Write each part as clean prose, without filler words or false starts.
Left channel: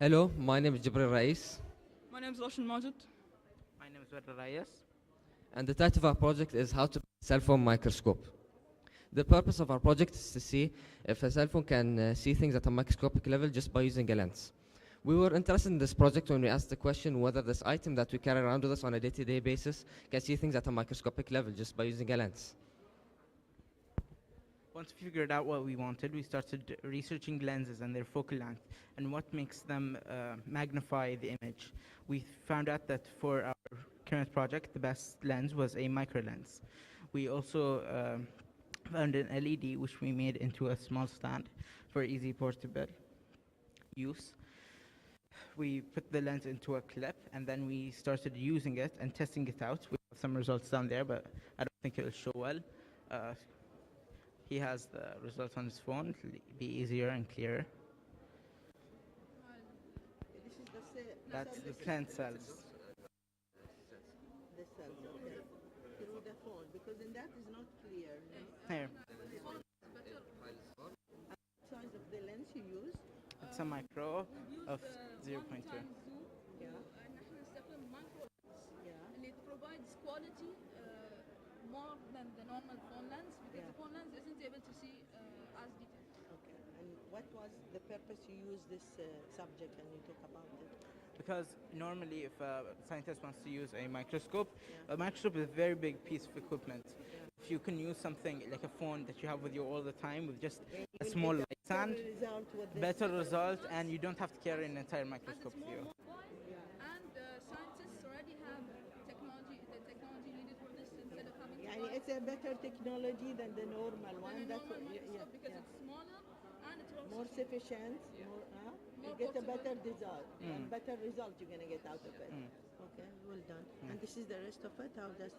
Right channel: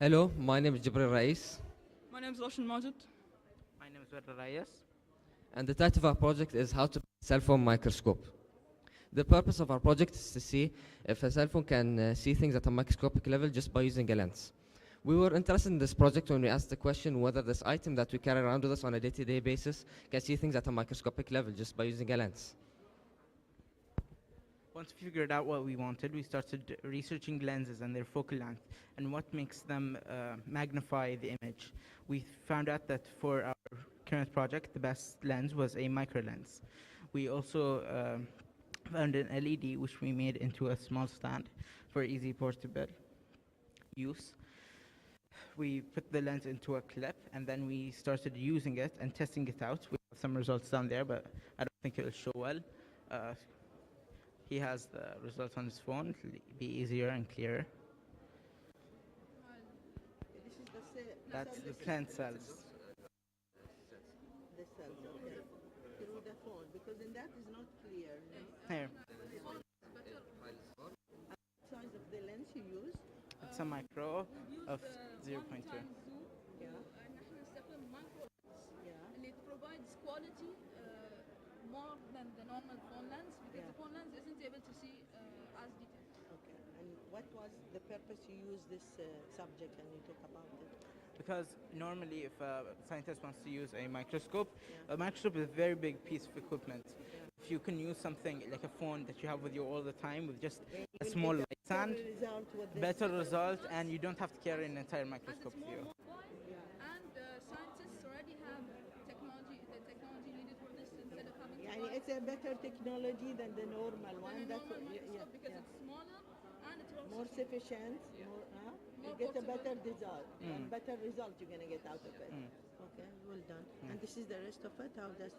Hello, my name is Jibril Rais, My name is Roshan Majid. My name is Werder Reyes. and the title of our project is How to Build a Cell Phone Microscope. The purpose of our project is to see if a cell phone can see things at a microscopic level just by using a lens. We were interested in this project when we asked the question whether this item that we carry around with us on a day-to-day basis can see things at a microscopic level just by using a lens. Once we figured out what we wanted, we started researching lenses and their focal length and what makes them magnify the image. We found out that for our current project, the best lens was a micro lens. We also found an LED which we made into a small stand for easy portable use. We put the lens into a clip and then we started using it and testing it out. We have some results down there, but I don't think it will show well. He has the results on his phone. It'll be easier and clearer. That's the plant cells. The cells, okay. Through the phone, because in that is not clear. Here, Size of the lens you use? it's a micro of 0.2. Yeah. And it provides quality more than the normal phone lens because Yeah. the phone lens isn't able to see as detailed. Okay. And what was the purpose you use this subject and you talk about it? Because normally if a scientist wants to use a microscope is a very big piece of equipment. If you can use something like a phone that you have with you all the time with just a small light stand, Result with this. better result, and you don't have to carry an entire As microscope it's with more you. mobile and scientists already have technology, the technology needed for this instead of having to Yani buy it's a better technology than the normal one. a That's normal what, microscope because it's smaller and it works more sufficient. You More get a better portable. result. And better result you're gonna get out of it. Mm. Okay, well done. And this is the rest of it. How that's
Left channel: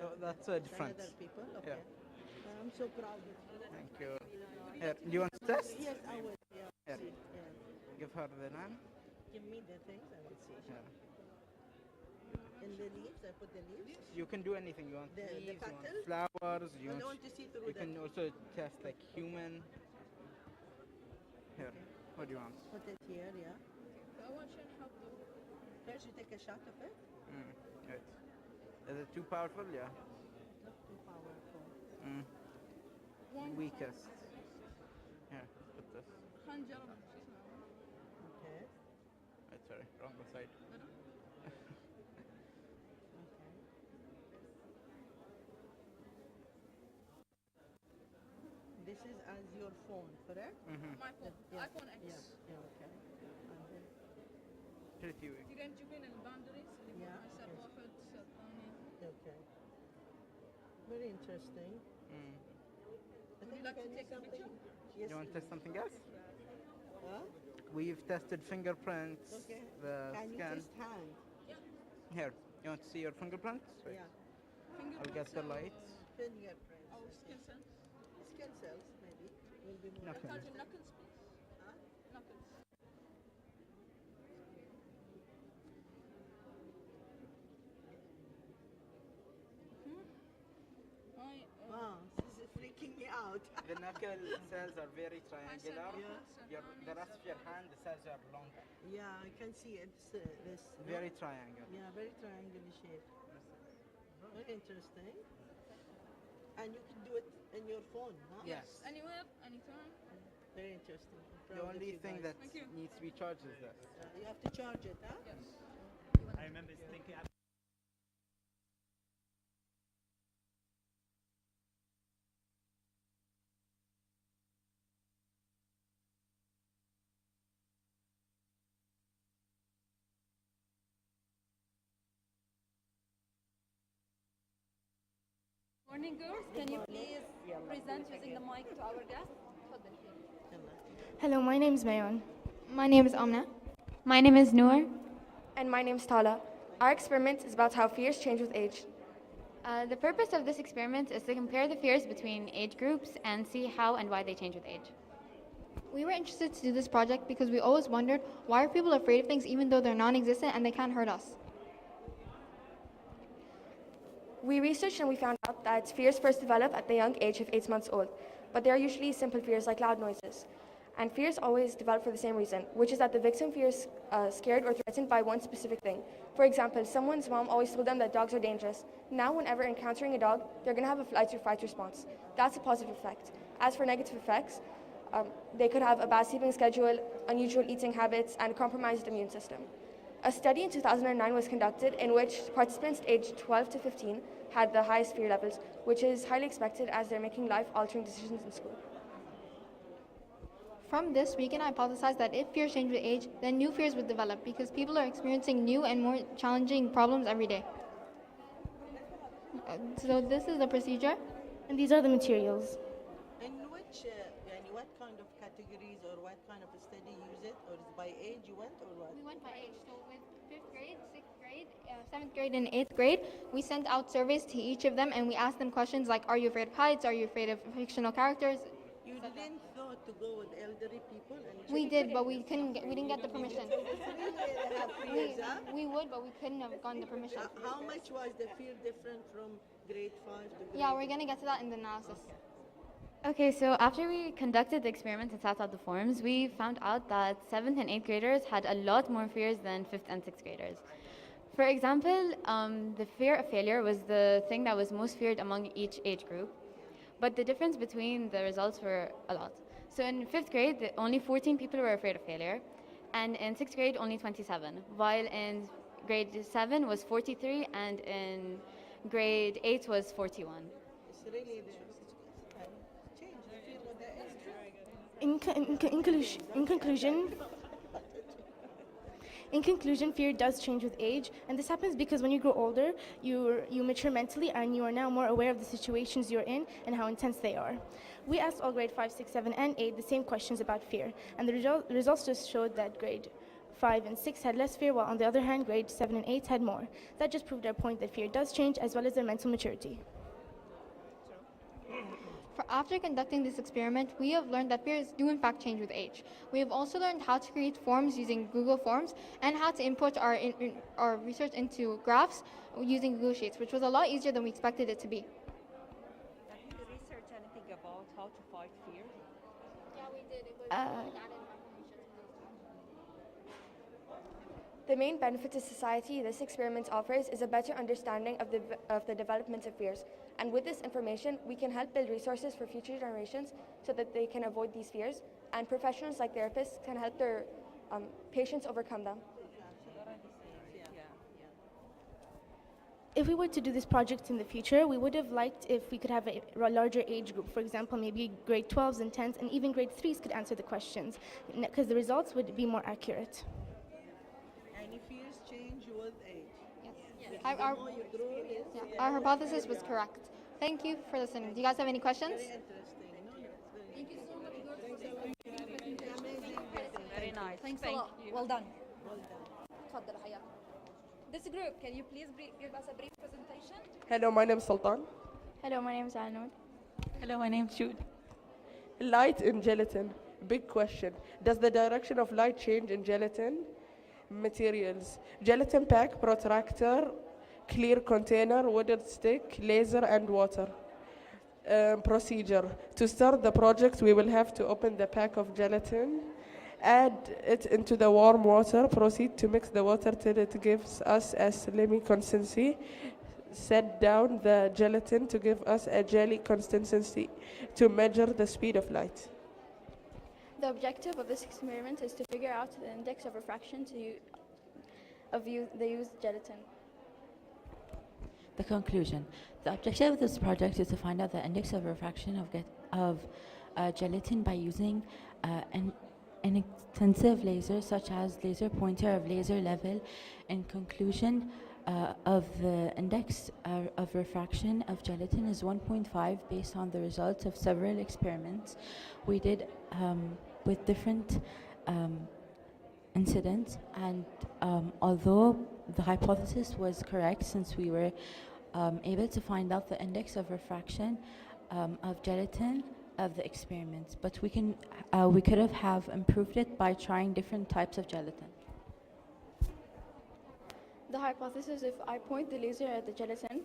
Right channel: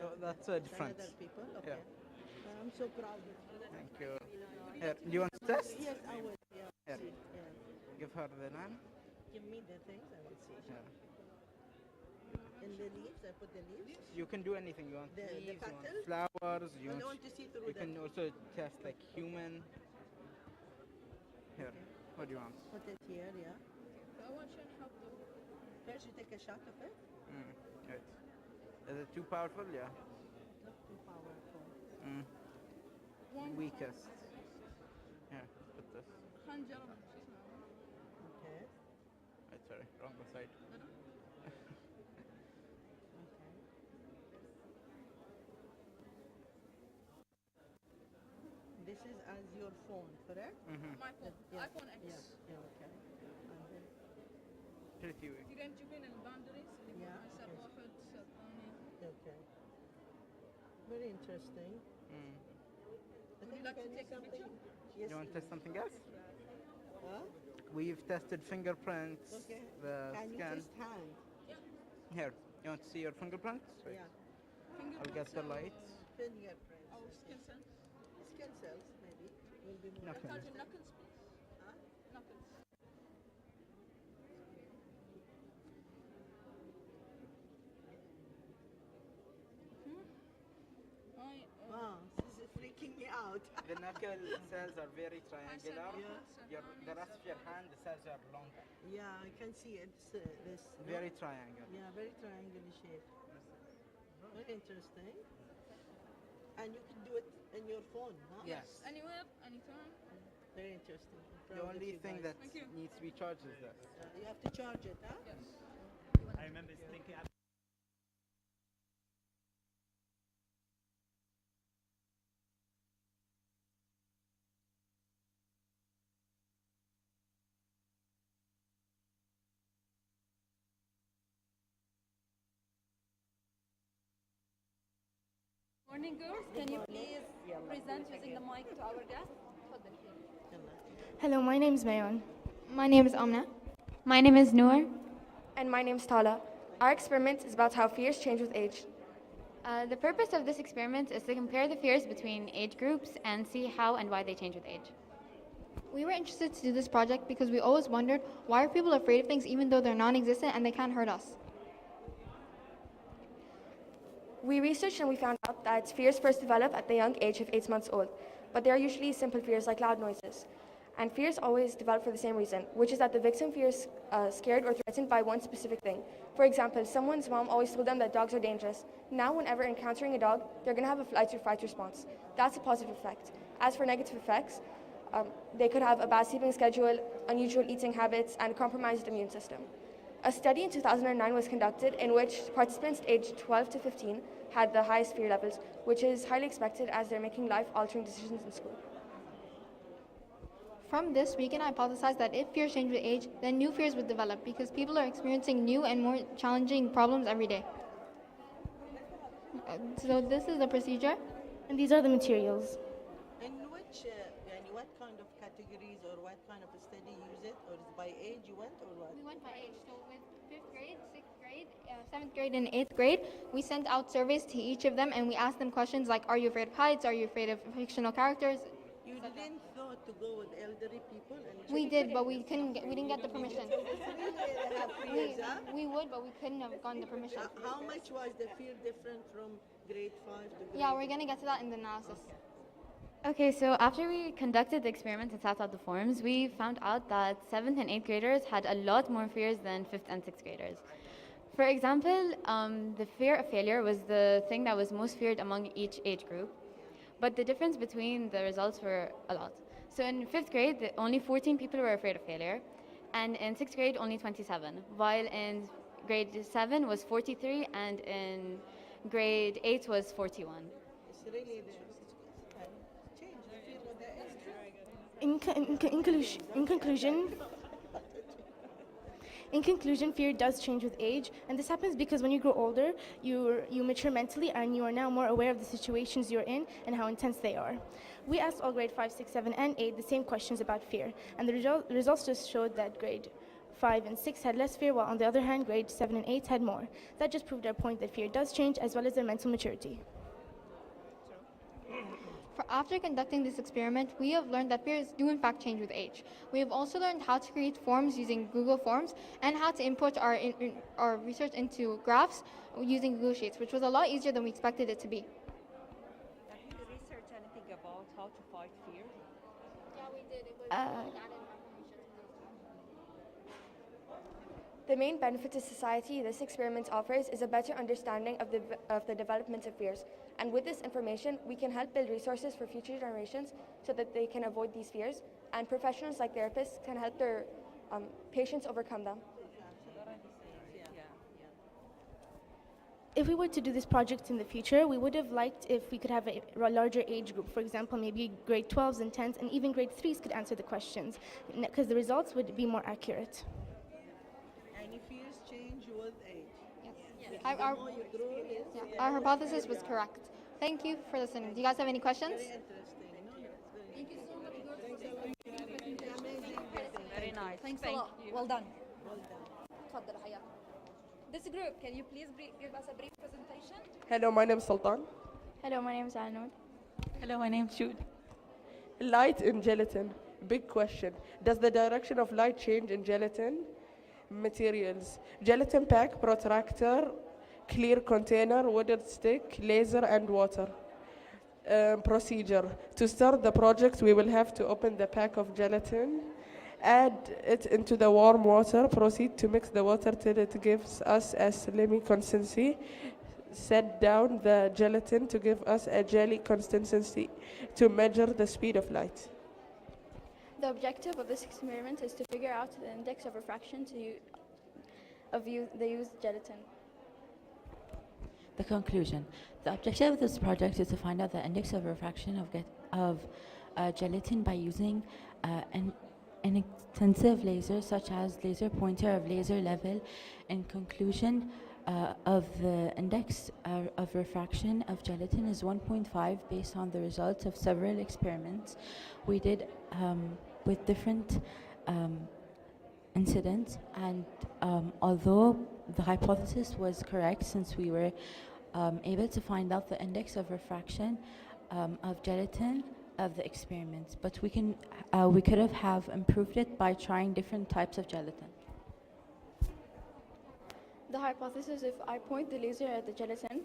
So that's a difference. Other people. Okay. I'm so proud. Thank you. Here, do you want to test? Yes, I will. Yeah. Here. See. Yeah. Give her the lamp. Give me the things. I will see. Yeah. In the leaves, I put the leaves. You can do anything you want. The Leaves, you want pattern? flowers. I don't want to see through You the. can also test like human. Here, what do you want? Put it here. Yeah. I want to show you how to First, you take a shot of it. Good. Is it too powerful? Yeah. Not too powerful. one Weakest. Here, put this. خنجر Okay. Right, sorry, wrong side. This is as your phone, correct? my phone Yeah. iPhone X Yeah. Okay. Pretty weak. تقدر تشوفين الباوندريز اللي Yeah. هسه واحد ثاني. Okay. Very interesting. I Would think you like to can take a something. picture? Yes. You want to test something else? Huh? We've tested fingerprints, Okay. the Can you scan. just hand? Here, you want to see your fingerprints? Right. Yeah. I'll get the light. Fingerprints. أو skin cells. Skin cells, maybe. Will be more. Okay. Touch knuckles, please. Knuckles. Wow, this is freaking me out. The knuckle cells are very triangular. The rest of your hand, the cells are longer. Yeah, I can see it's this. Very triangle. Yeah, very triangular shape. Very interesting. And you can do it in your phone, huh? Yes. Anywhere, anytime. Very interesting. I'm The proud of only you thing guys. that Thank you. needs to be charged is this. You have to charge it, huh? Yes. I remember thinking. Morning, girls. Can you please present using the mic to our guests? Hello, my name is Mayon. My name is Amna. My name is Noor. And my name is Tala. Our experiment is about how fears change with age. The purpose of this experiment is to compare the fears between age groups and see how and why they change with age. We were interested to do this project because we always wondered why are people afraid of things even though they're non-existent and they can't hurt us. We researched and we found out that fears first develop at the young age of 8 months old, but they are usually simple fears like loud noises. And fears always develop for the same reason, which is that the victim feels scared or threatened by one specific thing. For example, someone's mom always told them that dogs are dangerous. Now, whenever encountering a dog, they're going to have a flight or fight response. That's a positive effect. As for negative effects, they could have a bad sleeping schedule, unusual eating habits, and compromised immune system. A study in 2009 was conducted in which participants aged 12 to 15 had the highest fear levels, which is highly expected as they're making life-altering decisions in school. From this, we can hypothesize that if fears change with age, then new fears would develop because people are experiencing new and more challenging problems every day. So this is the procedure. And these are the materials. And what kind of categories or what kind of a study you use it, or is by age you went, or what? We went by age. So with 5th grade, 6th grade, 7th grade, and 8th grade, we sent out surveys to each of them and we asked them questions like, are you afraid of heights? Are you afraid of fictional characters? You didn't thought to go with elderly people? And We did, but we didn't get the permission. fears, huh? We would, but we couldn't have gotten the permission. How much was the fear different from grade 5 to grade Yeah, we're gonna get to that in the analysis. Okay, so after we conducted the experiment and sat out the forms, we found out that 7th and 8th graders had a lot more fears than 5th and 6th graders. For example, the fear of failure was the thing that was most feared among each age group, but the difference between the results were a lot. So in 5th grade, only 14 people were afraid of failure, and in 6th grade, only 27, while in grade 7 was 43, and in grade 8 was 41. It's really change the fear of the age. In conclusion, fear does change with age, and this happens because when you grow older, you mature mentally and you are now more aware of the situations you're in and how intense they are. We asked all grade 5, 6, 7, and 8 the same questions about fear, and the results just showed that grade 5 and 6 had less fear, while on the other hand, grade 7 and 8 had more. That just proved our point that fear does change, as well as their mental maturity. After conducting this experiment, we have learned that fears do in fact change with age. We have also learned how to create forms using Google Forms and how to import our research into graphs using Google Sheets, which was a lot easier than we expected it to be. Did you research anything about how to fight fear? Yeah, we did. The main benefit to society this experiment offers is a better understanding of the development of fears. And with this information, we can help build resources for future generations so that they can avoid these fears. And professionals like therapists can help their patients overcome them. If we were to do this project in the future, we would have liked if we could have a larger age group. For example, maybe grade 12s and 10s, and even grade 3s could answer the questions, because the results would be more accurate. And fears change with age. Yes. Our hypothesis was correct. Thank you for listening. Do you guys have any questions? Thank you so much, girls, for this presentation. Very nice. Thanks Thank a lot. you. Well done. This group, can you please give us a brief presentation? Hello, my name is Sultan. Hello, my name is Anoud. Hello, my name is Jude. Light in gelatin. Big question. Does the direction of light change in gelatin? Materials. Gelatin pack, protractor, clear container, wooden stick, laser, and water. Procedure. To start the project, we will have to open the pack of gelatin, add it into the warm water, proceed to mix the water till it gives us a slimy consistency, set down the gelatin to give us a jelly consistency to measure the speed of light. The objective of this experiment is to figure out the index of refraction the used gelatin. The conclusion. The objective of this project is to find out the index of refraction of gelatin by using an extensive laser such as laser pointer of laser level. In conclusion, of the index of refraction of gelatin is 1.5 based on the results of several experiments we did with different incidents, and although the hypothesis was correct since we were able to find out the index of refraction of gelatin of the experiments, but we could have improved it by trying different types of gelatin. The hypothesis, if I point the laser at the gelatin,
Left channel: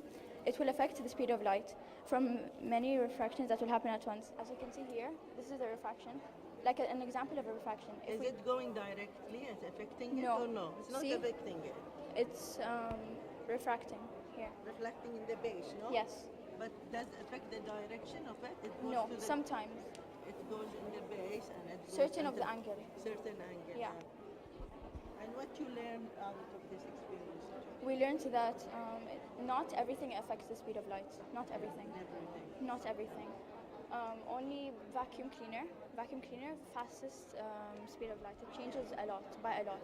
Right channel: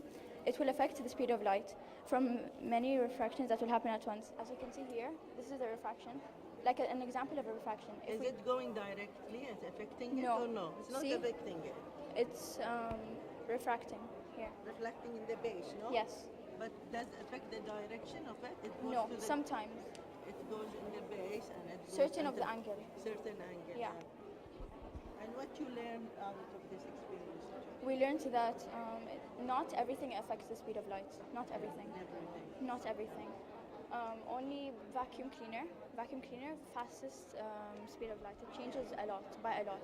it will affect the speed of light from many refractions that will happen at once. As you can see here, this is the refraction. like an example of a refraction. Is it going directly? Is it affecting it No. or no? It's not See? affecting it. It's refracting here. Reflecting in the base, no? Yes. But does it affect the direction of it? It goes No, to the, sometimes. it goes in the base and it goes Certain of at the angle. certain angle. Yeah. And what you learned out of this experience? We learned that not everything affects the speed of light. Not everything. Not everything. Only vacuum cleaner. Vacuum cleaner, fastest speed of light. It changes a lot, by a lot.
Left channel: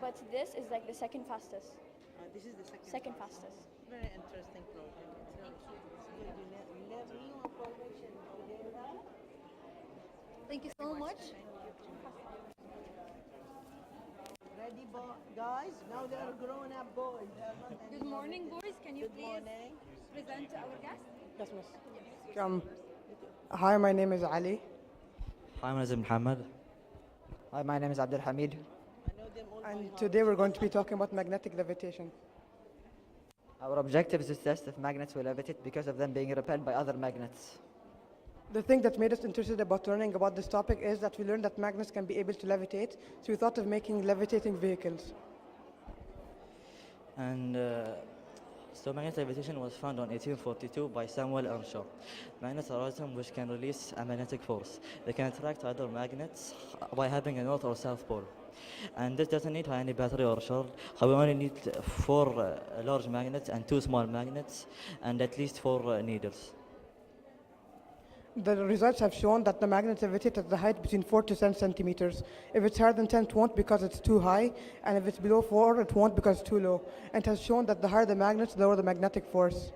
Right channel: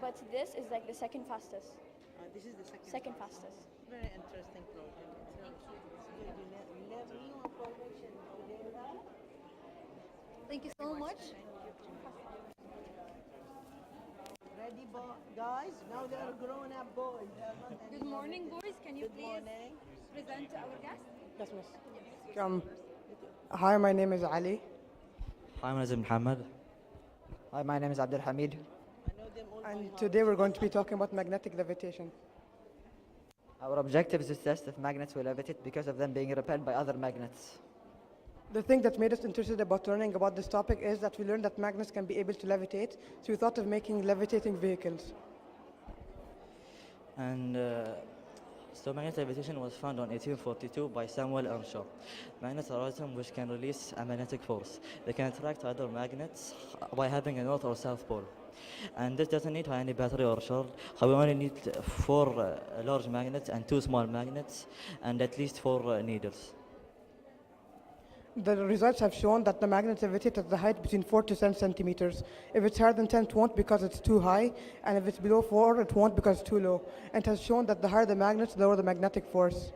But this is like the second fastest. This is the Second fastest. Very interesting project. You learn new information. Thank you so much. Ready, guys? Now they're grown-up boys. Good morning, boys. Can you please present to our guests? Yes, miss. Hi, my name is Ali. Hi, my name is Muhammad. Hi, my name is Abdul Hamid. And today we're going to be talking about magnetic levitation. Our objective is to test if magnets will levitate because of them being repelled by other magnets. The thing that made us interested about learning about this topic is that we learned that magnets can be able to levitate, so we thought of making levitating vehicles. And so magnetic levitation was found on 1842 by Samuel Earnshaw. Magnets are items which can release a magnetic force. They can attract other magnets by having a north or south pole. And this doesn't need any battery or shell. We only need 4 large magnets and 2 small magnets and at least 4 needles. The results have shown that the magnets levitate at the height between 4 to 10 centimeters. If it's higher than 10, it won't because it's too high, and if it's below 4, it won't because it's too low. And it has shown that the higher the magnets, the lower the magnetic force.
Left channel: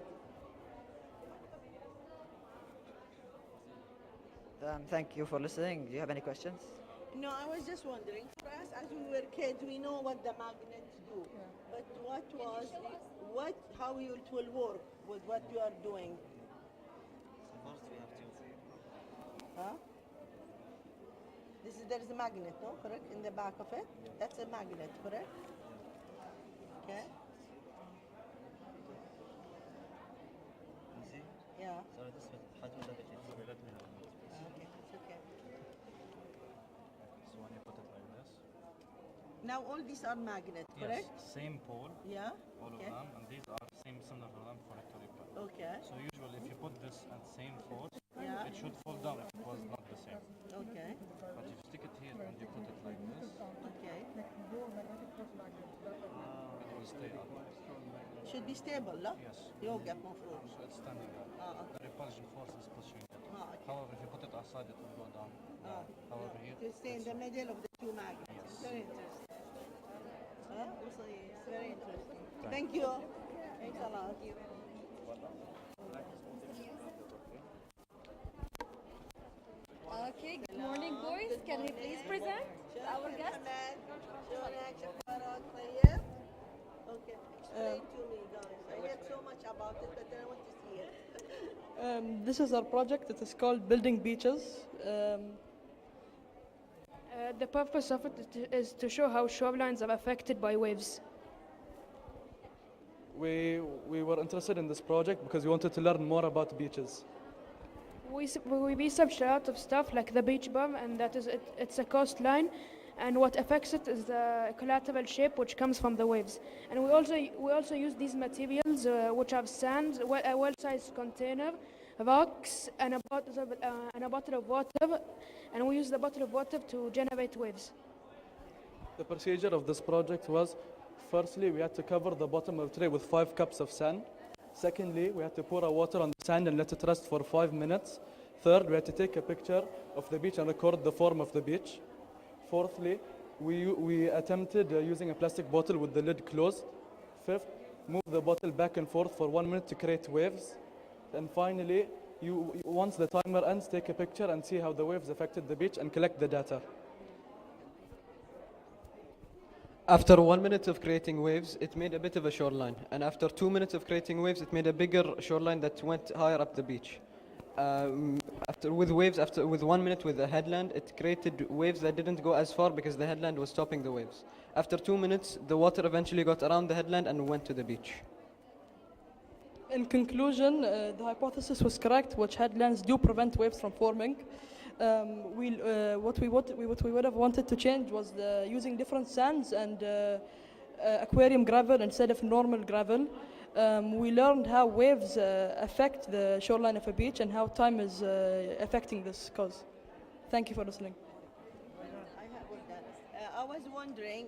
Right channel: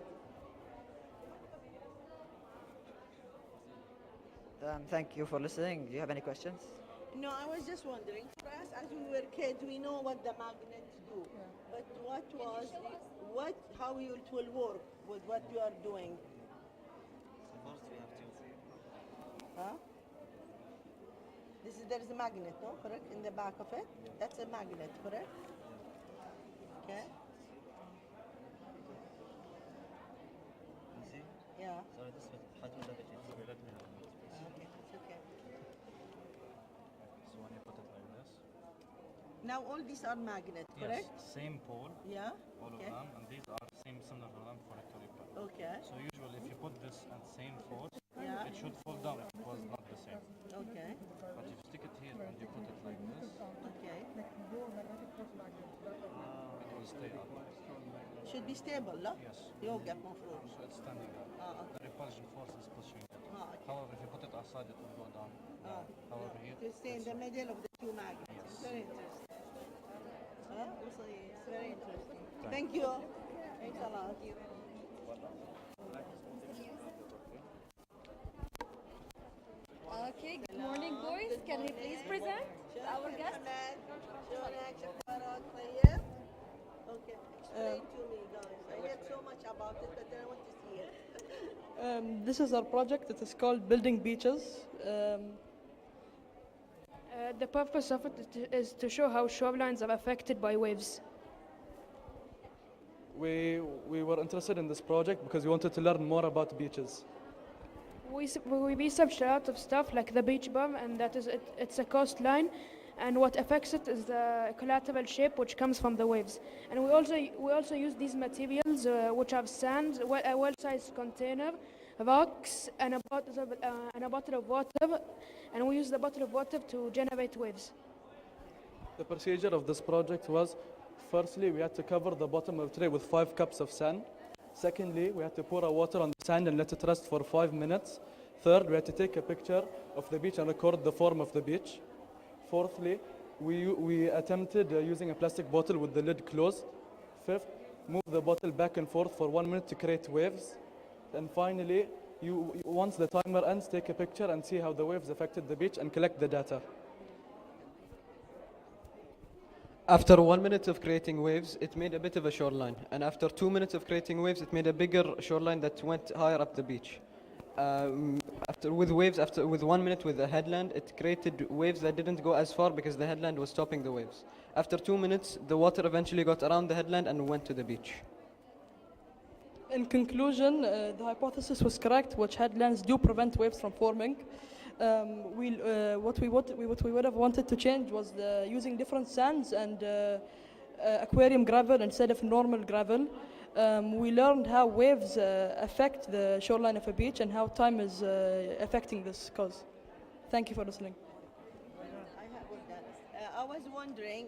Thank you for listening. Do you have any questions? No, I was just wondering. For us, as we were kids, we know what the magnets do. But how it will work with what you are doing? Huh? There is a magnet, no? Correct? In the back of it? That's a magnet, correct? Okay. Yeah. Now all these are magnets, correct? Yes, same pole. Yeah. All of them, and these are same similar to them for it to repel. Okay. So usually, if you put this at the same force, Yeah. it should fall down if it was not the same. Okay. But if you stick it here and you put it like this, Okay. it will stay up. Should be stable, no? Yes. يوقف مفروض. So it's standing up. Okay. The repulsion force is pushing it. Okay. However, if you put it outside, it will go down. However, here, To stay in the middle of the two magnets. Very interesting. It's very interesting. Thank you. Thanks a lot. Okay, good morning, boys. Can we please present to our guests? Okay. Explain to me, guys. I heard so much about it, but then I want to see it. This is our project. It is called Building Beaches. The purpose of it is to show how shorelines are affected by waves. We were interested in this project because we wanted to learn more about beaches. We researched a lot of stuff like the beach bum, and that is it's a coastline, and what affects it is the collateral shape which comes from the waves. And we also use these materials which have sand, a well-sized container, rocks, and a bottle of water, and we use the bottle of water to generate waves. The procedure of this project was, firstly, we had to cover the bottom of the tray with 5 cups of sand. Secondly, we had to pour our water on the sand and let it rest for 5 minutes. Third, we had to take a picture of the beach and record the form of the beach. Fourthly, we attempted using a plastic bottle with the lid closed. Fifth, move the bottle back and forth for 1 minute to create waves. And finally, once the timer ends, take a picture and see how the waves affected the beach and collect the data. After 1 minute of creating waves, it made a bit of a shoreline. And after 2 minutes of creating waves, it made a bigger shoreline that went higher up the beach. With 1 minute with the headland, it created waves that didn't go as far because the headland was stopping the waves. After 2 minutes, the water eventually got around the headland and went to the beach. In conclusion, the hypothesis was correct, which headlands do prevent waves from forming. What we would have wanted to change was using different sands and aquarium gravel instead of normal gravel. We learned how waves affect the shoreline of a beach and how time is affecting this cause. Thank you for listening. I was wondering.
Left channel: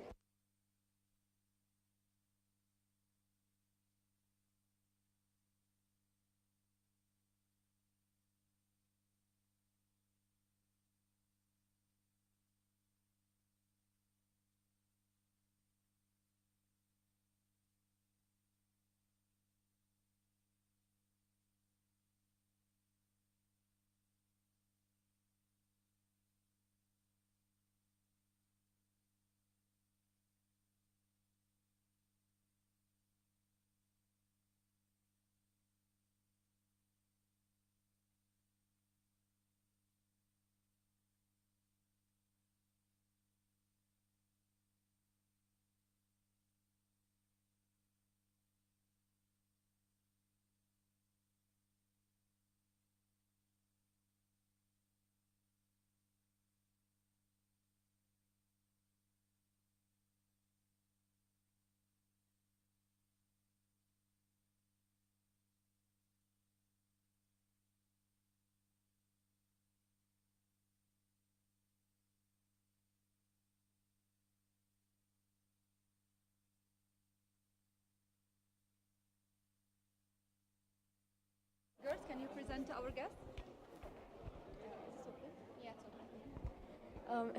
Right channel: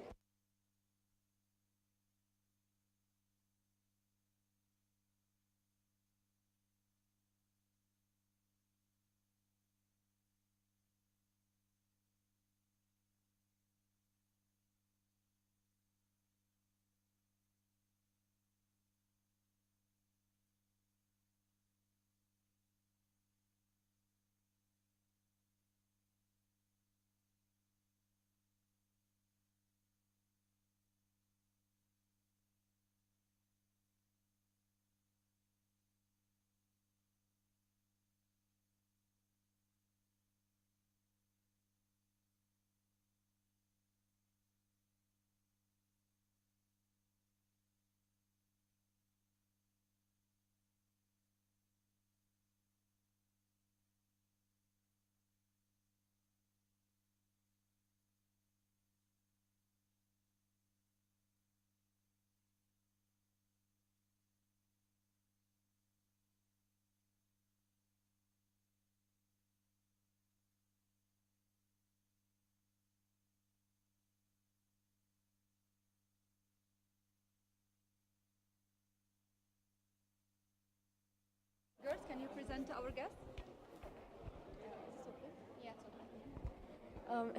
Girls, can you present our guest?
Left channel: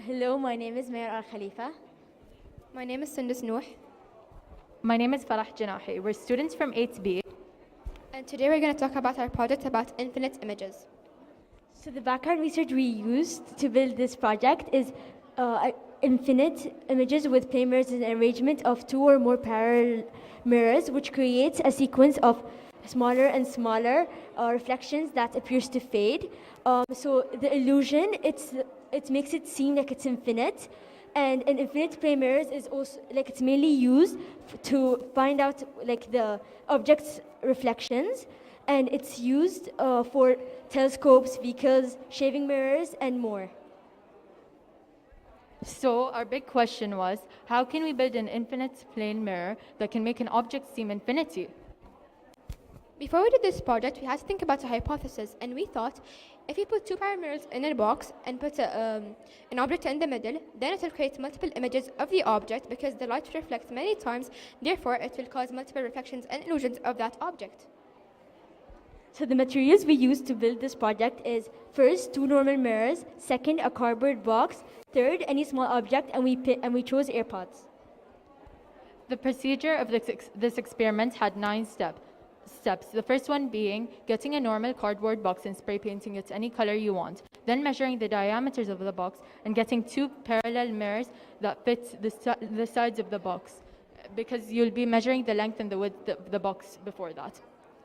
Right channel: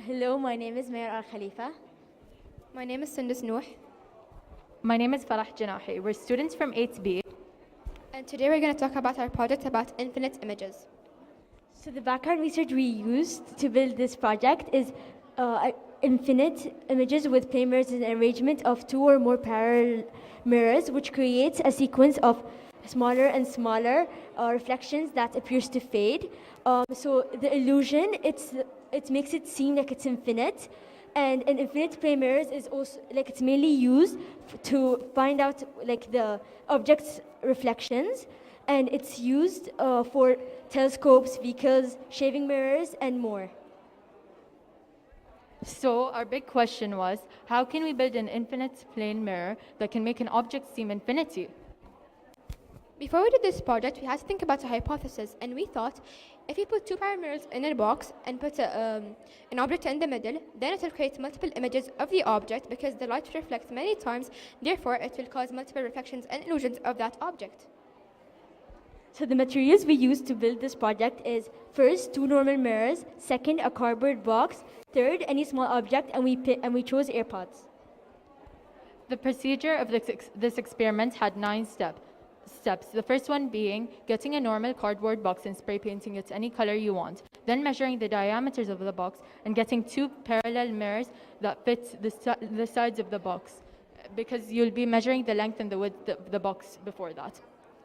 Hello, my name is Mayor Al Khalifa. My name is Sundus Nooh. My name is Farah Janahi. We're students from 8B. And today we're going to talk about our project about infinite images. So the background research we used to build this project is infinite images with plane mirrors and arrangement of 2 or more parallel mirrors, which creates a sequence of smaller and smaller reflections that appears to fade. So the illusion, it makes it seem like it's infinite. And an infinite plane mirrors is also, like, it's mainly used to find out, like, the object's reflections. And it's used for telescopes, vehicles, shaving mirrors, and more. So our big question was, how can we build an infinite plane mirror that can make an object seem infinity? Before we did this project, we had to think about a hypothesis, and we thought, if we put 2 parallel mirrors in a box and put an object in the middle, then it will create multiple images of the object because the light reflects many times, therefore it will cause multiple reflections and illusions of that object. So the materials we used to build this project is first 2 normal mirrors, second a cardboard box, third any small object, and we chose AirPods. The procedure of this experiment had 9 steps. The first one being getting a normal cardboard box and spray painting it any color you want. Then measuring the diameters of the box and getting 2 parallel mirrors that fit the sides of the box, because you'll be measuring the length and the width of the box before that.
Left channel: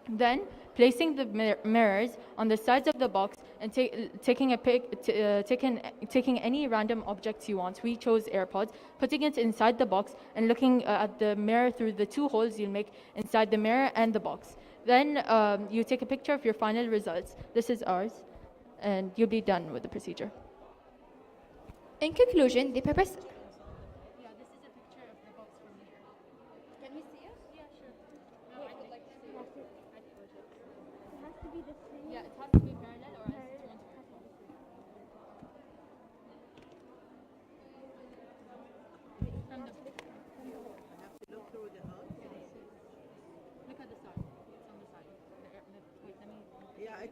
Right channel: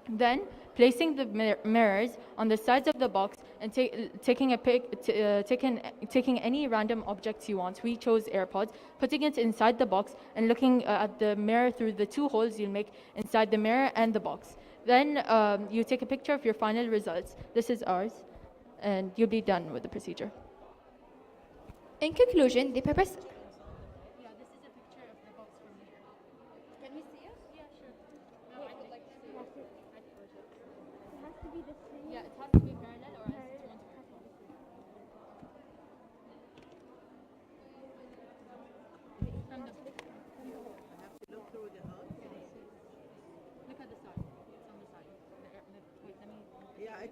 Then placing the mirrors on the sides of the box and taking any random objects you want. We chose AirPods, putting it inside the box and looking at the mirror through the 2 holes you'll make inside the mirror and the box. Then you take a picture of your final results. This is ours, and you'll be done with the procedure. In conclusion, the purpose...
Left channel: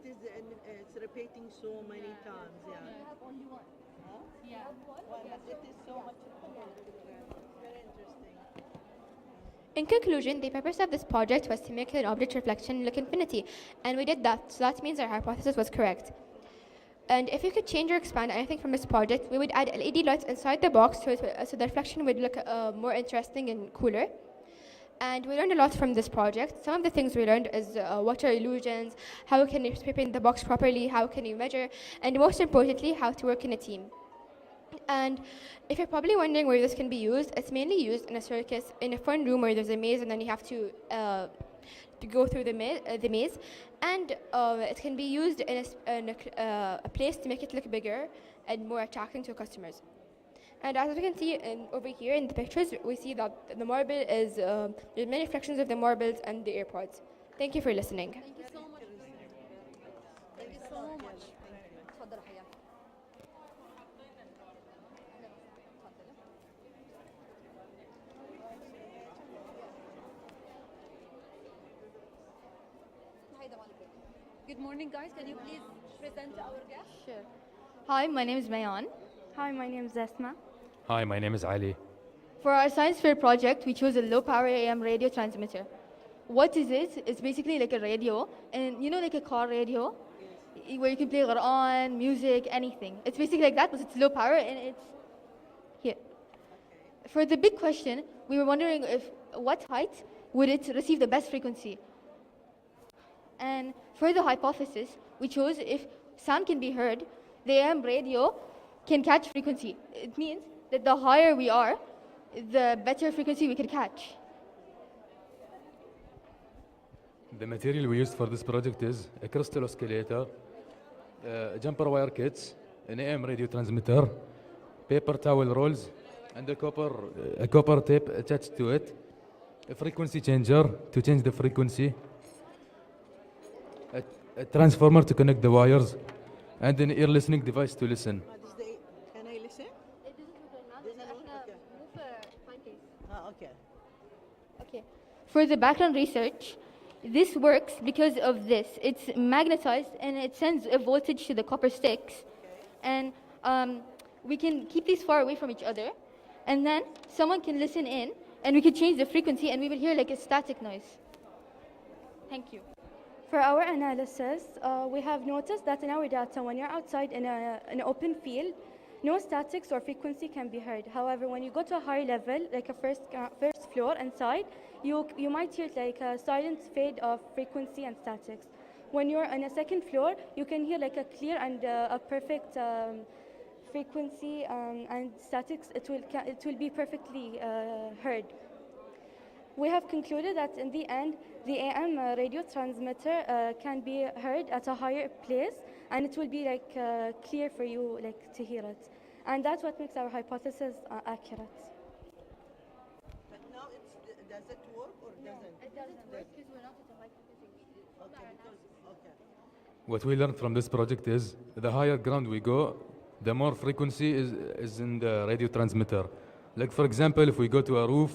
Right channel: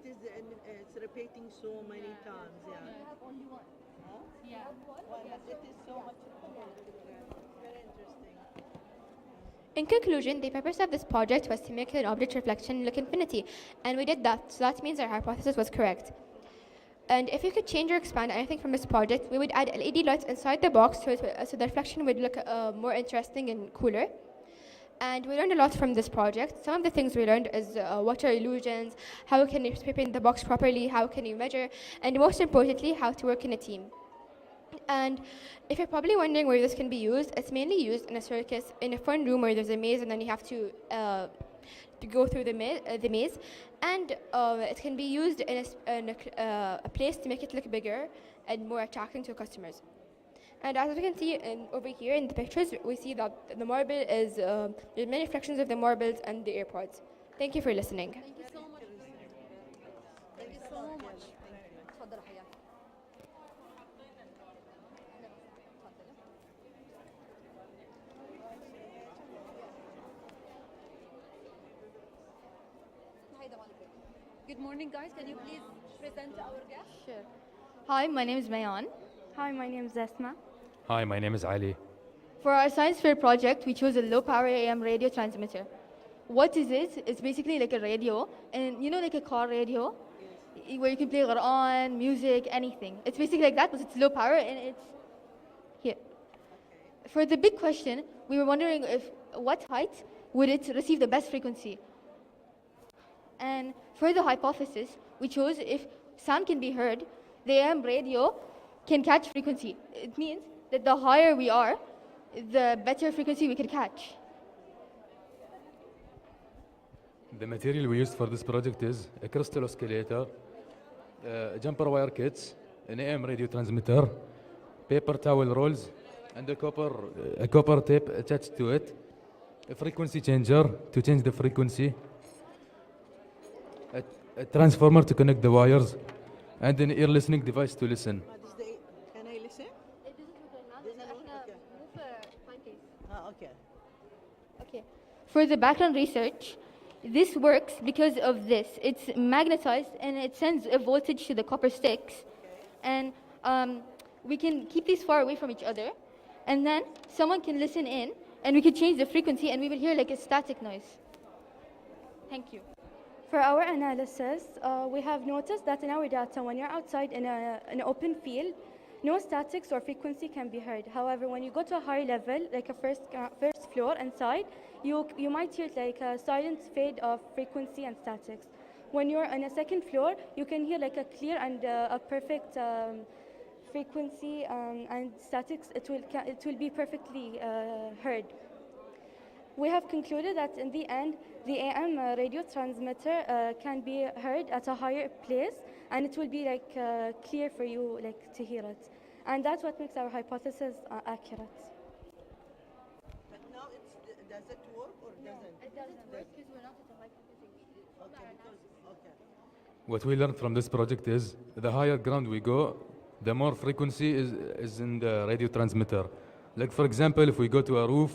It's repeating so many times. Yeah. I have only one. Huh? Yeah. Well, but it is so much. Very interesting. In conclusion, the purpose of this project was to make an object reflection look infinity, and we did that, so that means our hypothesis was correct. And if you could change or expand anything from this project, we would add LED lights inside the box so the reflection would look more interesting and cooler. And we learned a lot from this project. Some of the things we learned is what are illusions, how can you spray paint the box properly, how can you measure, and most importantly, how to work in a team. And if you're probably wondering where this can be used, it's mainly used in a circus, in a fun room where there's a maze and then you have to go through the maze. And it can be used in a place to make it look bigger and more attracting to customers. And as we can see over here in the pictures, we see that the marble is, there's many fractions of the marbles and the AirPods. Thank you for listening. Thank you so much. Thank you so much. تفضل حياك. Good morning, guys. Can you please present our guest? Sure. Hi, my name is Mayan. Hi, my name is Asma. Hi, my name is Ali. For our science fair project, we chose a low power AM radio transmitter. What is it? It's basically like a radio, and you know, like a car radio, where you can play Quran, music, anything. It's basically like that, but it's low power, and it's here. For the big question, we were wondering if what height would it receive the best frequency? And for the hypothesis, we chose if sound can be heard, the AM radio can catch frequency. It means that the higher we are, the better frequency we can catch. The material we used for this project is a crystal oscillator, jumper wire kits, an AM radio transmitter, paper towel rolls, and a copper tape attached to it, a frequency changer to change the frequency, a transformer to connect the wires, and an ear listening device to listen. Can I listen? Okay. For the background research, this works because of this. It's magnetized and it sends a voltage to the copper sticks. And we can keep these far away from each other. And then someone can listen in and we can change the frequency and we will hear like a static noise. Thank you. For our analysis, we have noticed that in our data, when you're outside in an open field, no statics or frequency can be heard. However, when you go to a high level, like a first floor inside, you might hear like a silent fade of frequency and statics. When you're on a second floor, you can hear like a clear and a perfect frequency and statics. It will be perfectly heard. We have concluded that in the end, the AM radio transmitter can be heard at a higher place, and it will be like clear for you like to hear it, and that's what makes our hypothesis accurate. But now does it work or doesn't? It doesn't work because we're not at a What we learned from this project is the higher ground we go, the more frequency is in the radio transmitter. Like for example, if we go to a roof,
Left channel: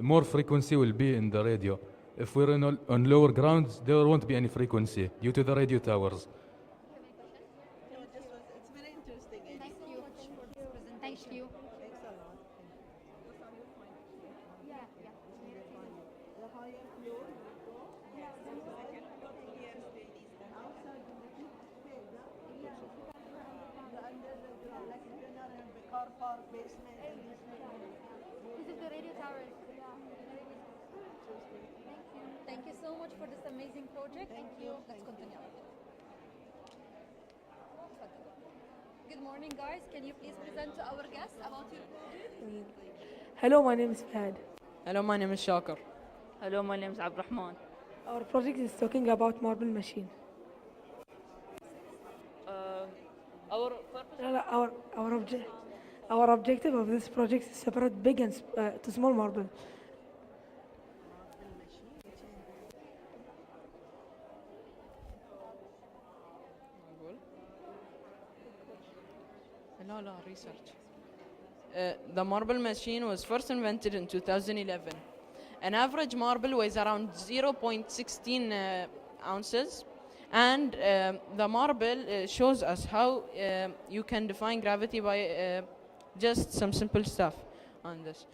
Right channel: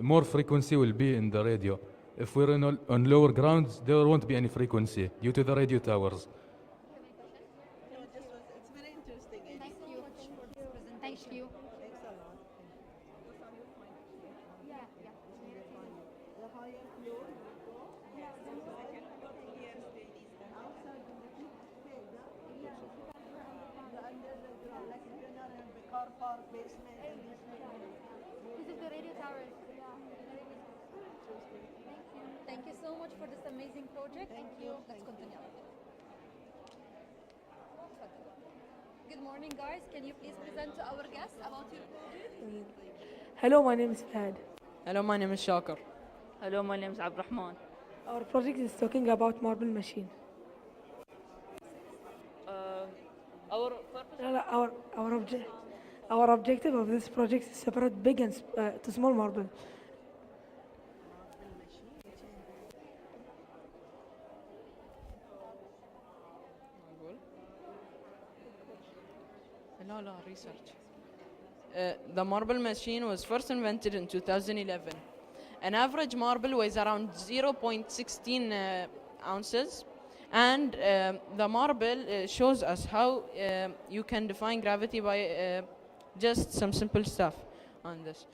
more frequency will be in the radio. If we're on lower grounds, there won't be any frequency due to the radio towers. It's very interesting. Thank you for this presentation. Thank you. Thanks a lot. The higher floor, and outside the underground, like the car park basement. This is the radio towers. Thank you so much for this amazing project. Thank you. Let's continue. Good morning, guys. Can you please present to our guests about your project? Hello, my name is Fahad. Hello, my name is Shakir. Hello, my name is Abdurrahman. Our project is talking about marble machine. Our objective of this project is separate big and to small marble. No, research. The marble machine was first invented in 2011. An average marble weighs around 0.16 ounces, and the marble shows us how you can define gravity by just some simple stuff on this.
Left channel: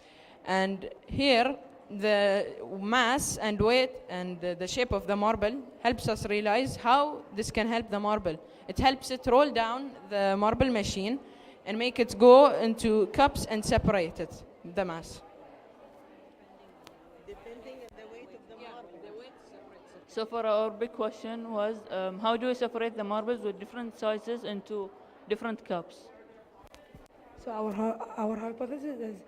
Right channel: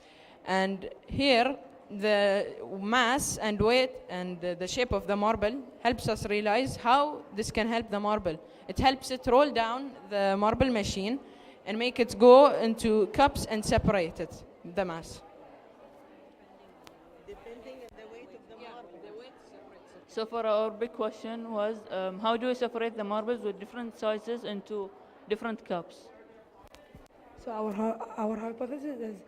And here, the mass and weight and the shape of the marble helps us realize how this can help the marble. It helps it roll down the marble machine and make it go into cups and separate it, the mass. So for our big question was, how do we separate the marbles with different sizes into different cups? So our hypothesis is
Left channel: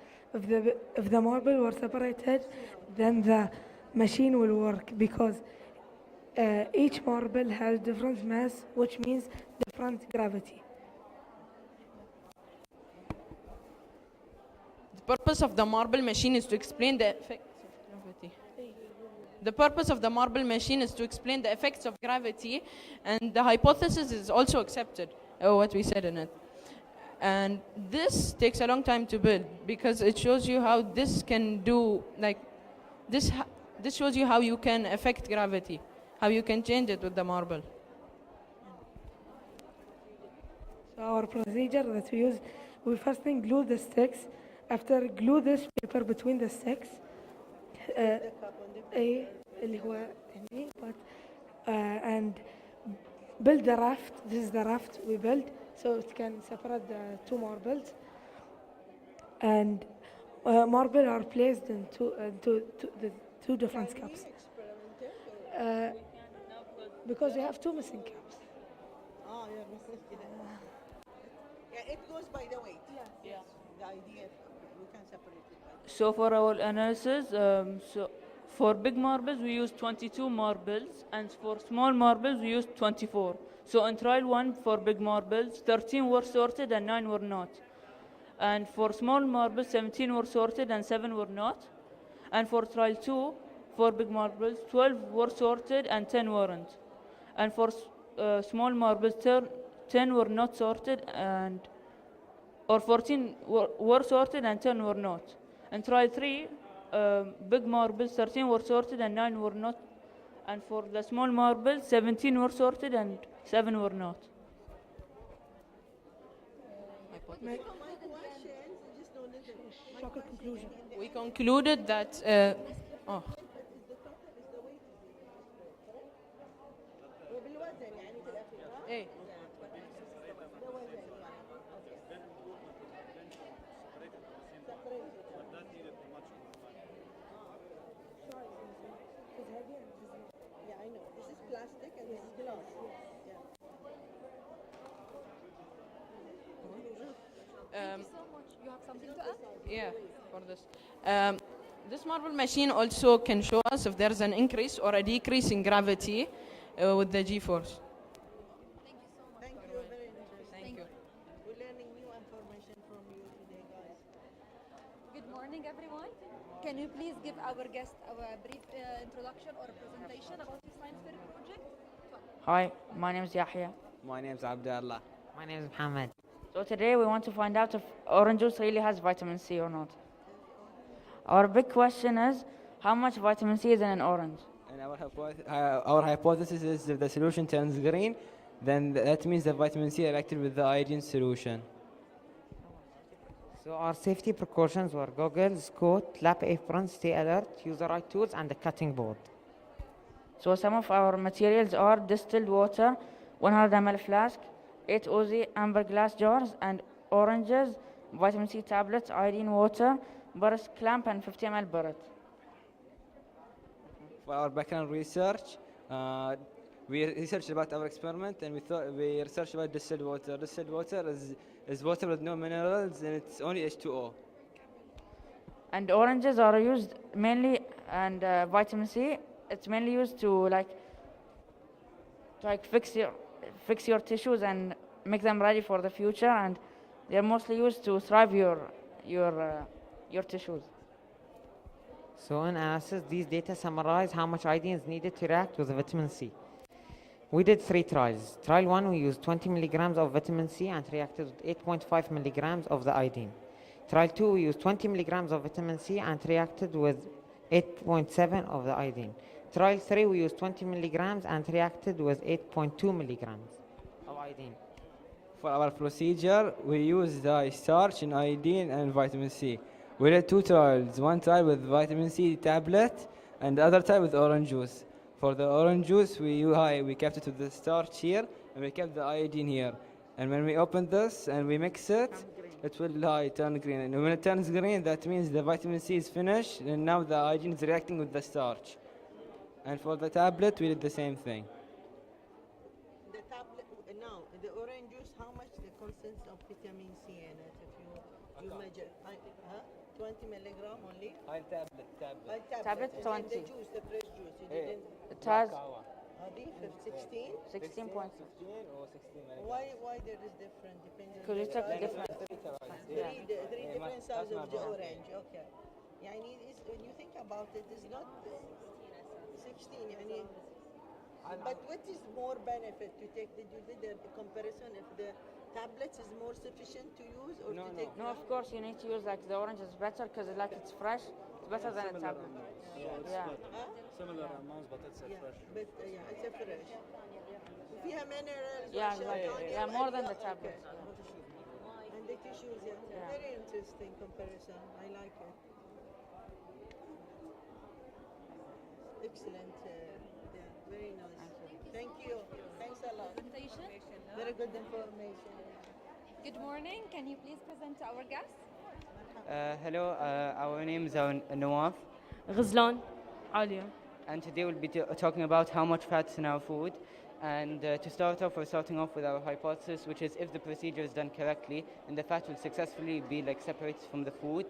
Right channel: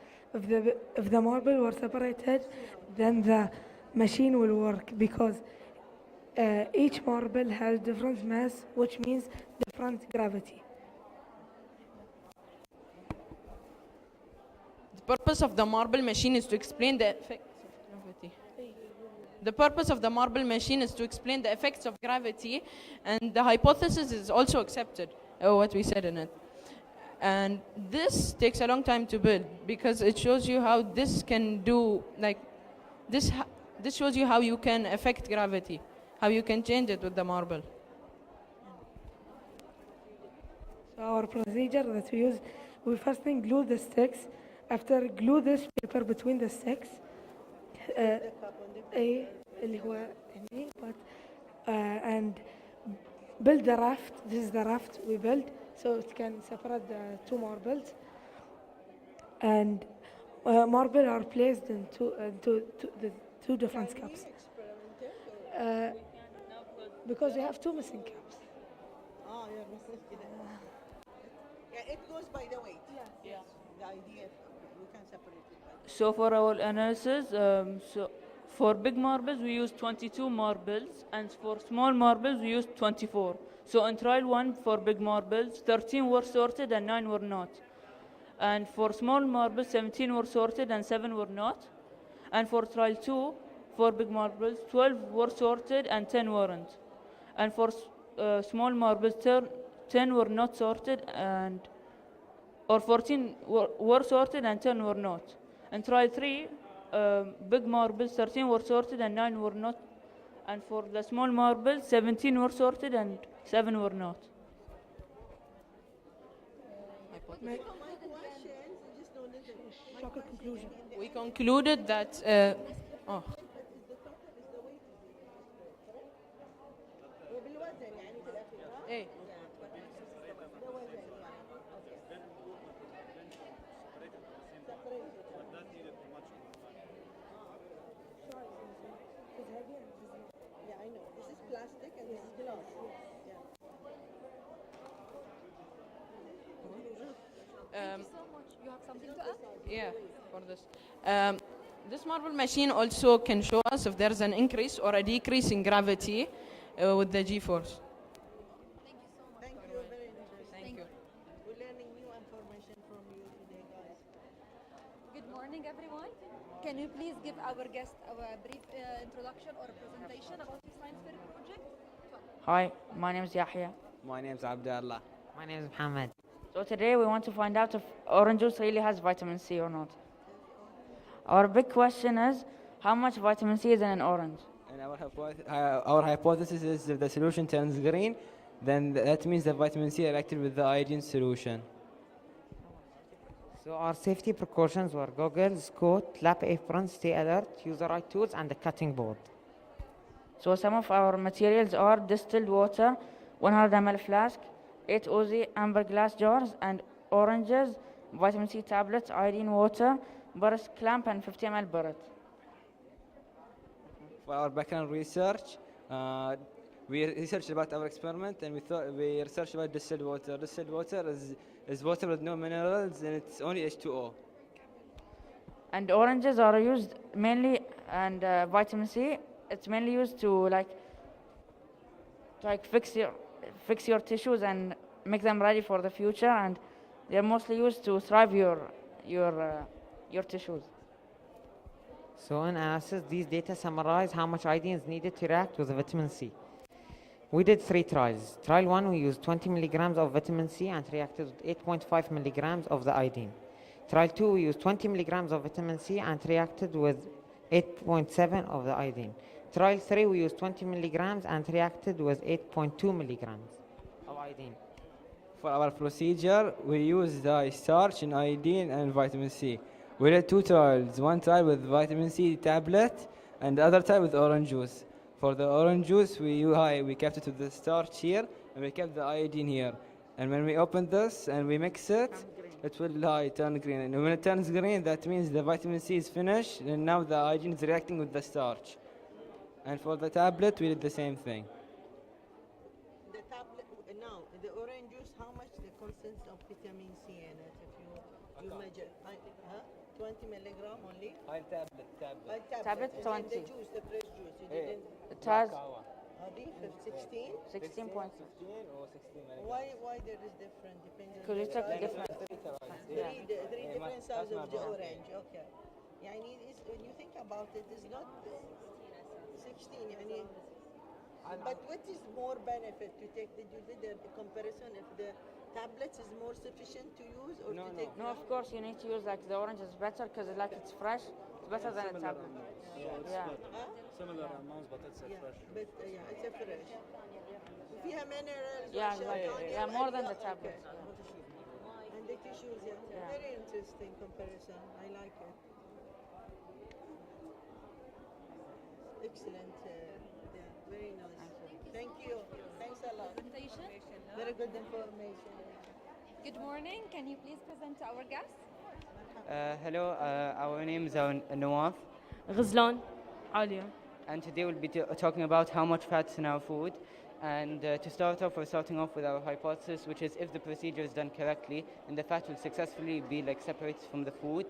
if the marble were separated, then the machine will work because Each marble has different mass, which means different gravity. The purpose of the marble machine is to explain the effects of gravity. The purpose of the marble machine is to explain the effects of gravity, and the hypothesis is also accepted, what we said in it. And this takes a long time to build because it shows you how this can do, like, this shows you how you can affect gravity, how you can change it with the marble. So our procedure that we use, we first thing glue the sticks. After glue this paper between the sticks. اللي هو هني, and build the raft. This is the raft we build, so it can separate the two marbles. And marble are placed into the two different caps. Because we have two missing caps. Yeah, it goes by the weight. Yes. The idea, we can separate it. So for our analysis, for big marbles we use 22 marbles, and for small marbles we use 24. So in trial 1 for big marbles, 13 were sorted and 9 were not. And for small marbles, 17 were sorted and 7 were not. And for trial 2, for big marbles, 12 were sorted and 10 weren't. And for small marbles, 10 were not sorted, and or 14 were sorted and 10 were not. And trial 3, big marbles, 13 were sorted and 9 were not. And for the small marbles, 17 were sorted and 7 were not. We concluded that إيه. Yeah, I know. This is plastic and this is glass. Um, Thank you so much. You have something to add? Yeah, for this. This marble machine also can show us if there's an increase or a decrease in gravity with the G-force. Thank you very much. Thank you. We're learning new information from you today, guys. Good morning, everyone. Can you please give our guest a brief introduction or presentation about your science fair project? Hi, my name is Yahya. My name is Abdullah. My name is Mohammed. So today we want to find out if orange juice really has vitamin C or not. Our big question is, how much vitamin C is in an orange? And our hypothesis is if the solution turns green, then that means that vitamin C reacted with the iodine solution. So our safety precautions were goggles, coat, lab aprons, stay alert, use the right tools, and the cutting board. So some of our materials are distilled water, 100 ml flask, 8 Oz amber glass jars, and oranges, vitamin C tablets, iodine water, burris clamp, and 50 ml burret. For our background research, we researched about our experiment, and we researched about distilled water. Distilled water is water with no minerals, and it's only H2O. And oranges are used mainly, and vitamin C, it's mainly used to fix your tissues and make them ready for the future, and they're mostly used to thrive your tissues. So in analysis, these data summarize how much iodine is needed to react with vitamin C. We did 3 trials. Trial 1, we used 20 milligrams of vitamin C and reacted with 8.5 milligrams of the iodine. Trial 2, we used 20 milligrams of vitamin C and reacted with 8.7 of the iodine. Trial 3, we used 20 milligrams and reacted with 8.2 milligrams of iodine. For our procedure, we used starch and iodine and vitamin C. We did 2 trials, one trial with vitamin C tablet and the other trial with orange juice. For the orange juice, we kept it with the starch here and we kept the iodine here. And when we open this and we mix it, it will turn green. And when it turns green, that means the vitamin C is finished and now the iodine is reacting with the starch. And for the tablet, we did the same thing. The tablet, now, the orange juice, how much the content of vitamin C in it if you measure? 20 milligram only? Tablet. Tablet 20. The juice, the fresh juice. It has Different, 16? 16 points. Why there is different? Depending Because on you the took the size. different. Yeah. Three different sizes of the orange. Okay. يعني when you think about it, it's not 16. يعني, but what is more benefit to take? Did you did a comparison if the tablets is more sufficient to use or to take? No, of course you need to use like the orange is better because like it's fresh. It's better than a tablet. Yeah. Similar amounts, but it's a fresh. But it's a fresh. فيها minerals. Yeah, exactly. Yeah, more than the tablet. And the tissues, very interesting comparison. I like it. Excellent. Very nice. Thank you. Thanks a lot. Very good information. Good morning. Can you please present to our guests? Hello, our name is Nawaf. Ghazlan. Alia. And today we'll be talking about how much fat's in our food. And to start off, we're starting off with our hypothesis, which is if the procedure is done correctly, then the fat will successfully be separated from the food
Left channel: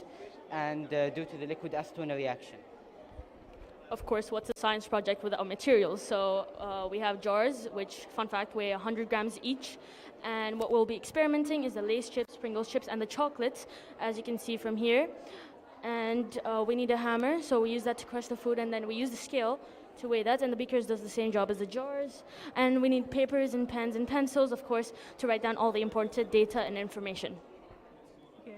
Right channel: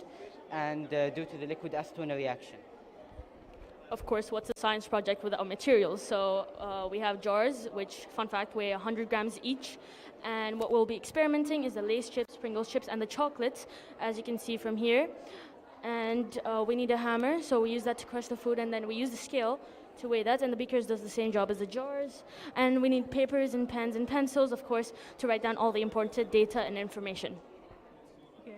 and due to the liquid acetone reaction. Of course, what's a science project without materials? So we have jars, which, fun fact, weigh 100 grams each. And what we'll be experimenting is the Lay's chips, Pringles chips, and the chocolates, as you can see from here. And we need a hammer, so we use that to crush the food, and then we use the scale to weigh that, and the beakers does the same job as the jars. And we need papers and pens and pencils, of course, to write down all the important data and information. Okay.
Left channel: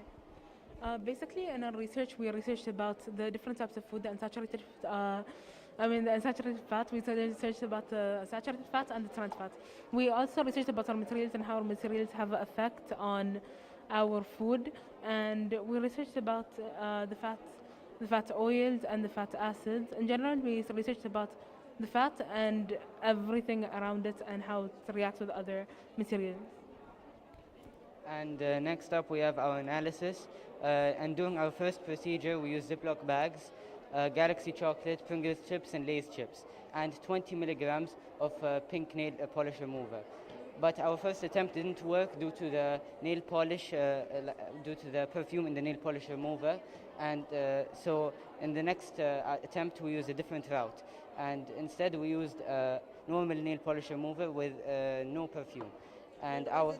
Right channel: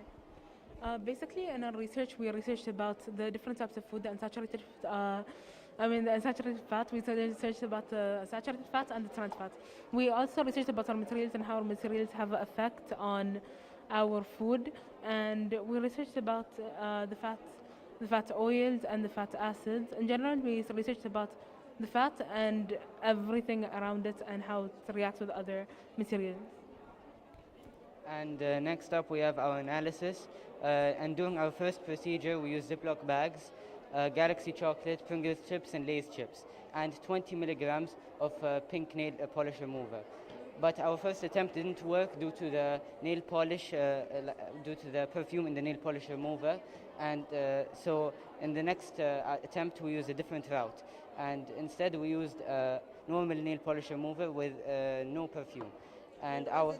Basically, in our research, we researched about the different types of food, the unsaturated, the unsaturated fat. We researched about the saturated fat and the trans fat. We also researched about our materials and how our materials have an effect on our food. And we researched about the fat oils and the fat acids. In general, we researched about the fat and everything around it and how it reacts with other materials. And next up, we have our analysis. And during our first procedure, we used Ziploc bags, Galaxy chocolate, Pringles chips, and Lay's chips, and 20 milligrams of pink nail polish remover. But our first attempt didn't work due to the nail polish, due to the perfume in the nail polish remover. And so in the next attempt, we used a different route. And instead, we used normal nail polish remover with no perfume. And our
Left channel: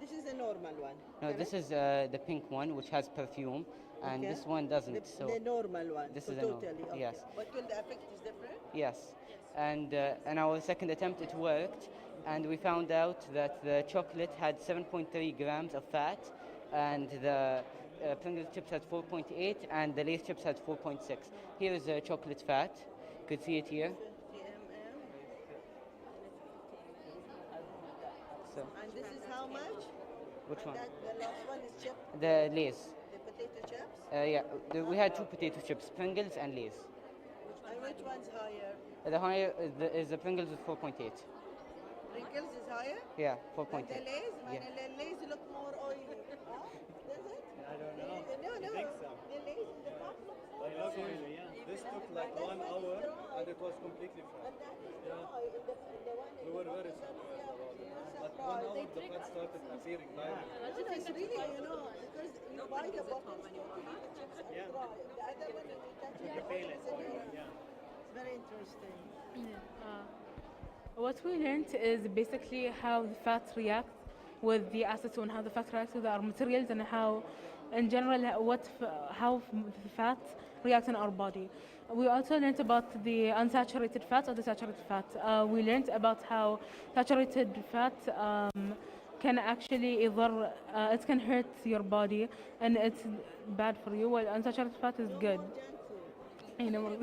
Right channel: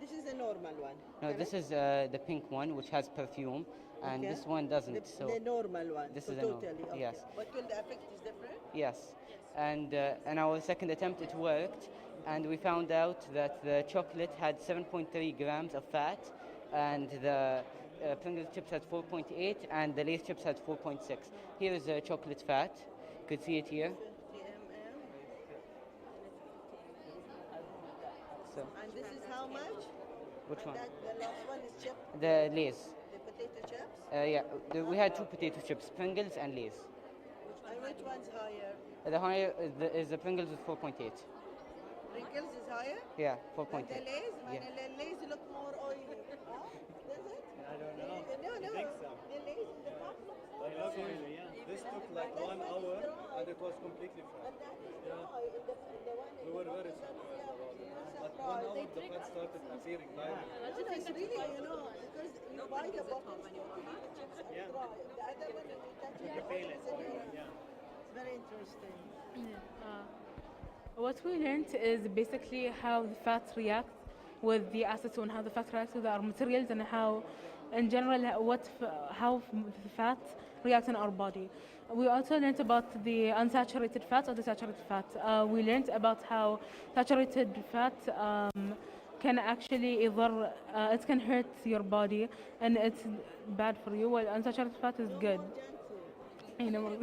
This is the normal one. no, this is the pink one, which has perfume, and Okay. this one doesn't. So The normal one. this so is the normal. totally. Okay. Yes. But will the effect is different? Yes, and in our second attempt, it worked, and we found out that the chocolate had 7.3 grams of fat, and the Pringles chips had 4.8, and the Lay's chips had 4.6. Here is the chocolate fat. You could see it here. So, And this is how much? which one? The last one is chip. The Lay's. The potato chips. Yeah, we had two potato chips, Pringles and Lay's. And which one's higher? The higher is the Pringles with 4.8. Pringles is higher? Yeah, 4.8. And the Lay's? Yeah. And the Lay's look more oily. Huh? Does it? I don't know. No, I think so. The Lay's in the top. They look oily, yeah. This took like 1 hour and it was completely fresh. Yeah. We were very surprised about it. At 1 hour the fat started appearing lighter. It's really, because you buy the bottles, you eat the chips and try. The other one, you touch it, You feel it. yeah. Yeah. It's very interesting. What we learned is basically how the fat reacts with the acetone, how the fat reacts with our materials, and how, in general, how fat reacts in our body. We also learned about the unsaturated fat or the saturated fat. We learned about how saturated fat can actually it can hurt your body and it's bad for you, while unsaturated fat is good. You know.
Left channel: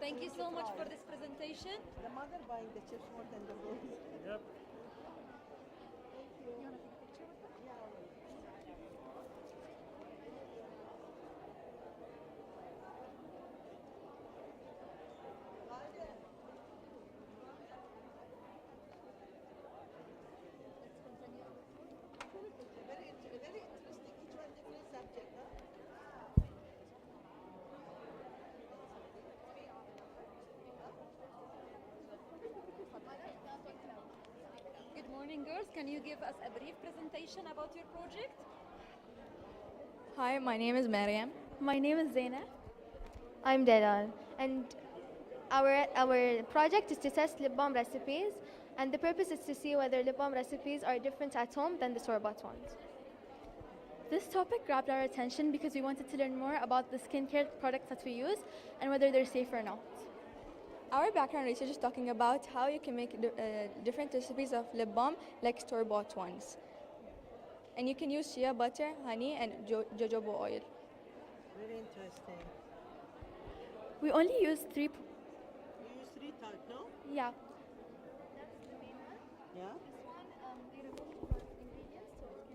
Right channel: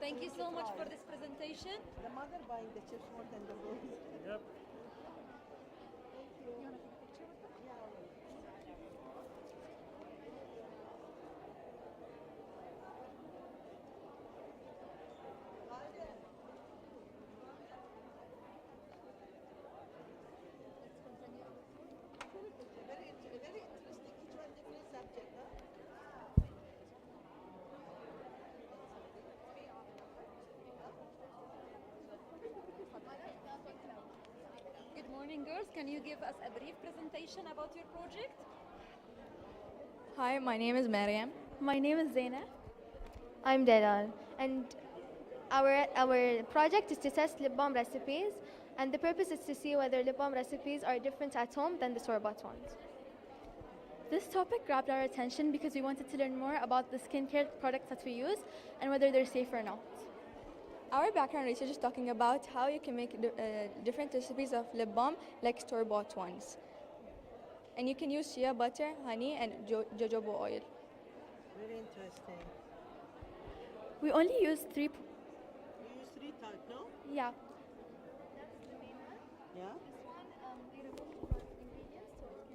Thank you so much for this presentation. The mother buying the chips more than the boys. Yep. Good morning, girls. Can you give us a brief presentation about your project? Hi, my name is Mariam. My name is Zaina. I'm Delal. And our project is to test lip balm recipes, and the purpose is to see whether lip balm recipes are different at home than the store-bought ones. This topic grabbed our attention because we wanted to learn more about the skincare products that we use and whether they're safe or not. Our background research is talking about how you can make different recipes of lip balm like store-bought ones. And you can use shea butter, honey, and jojoba oil. Very interesting. We only use You use three types, no? Yeah. Yeah?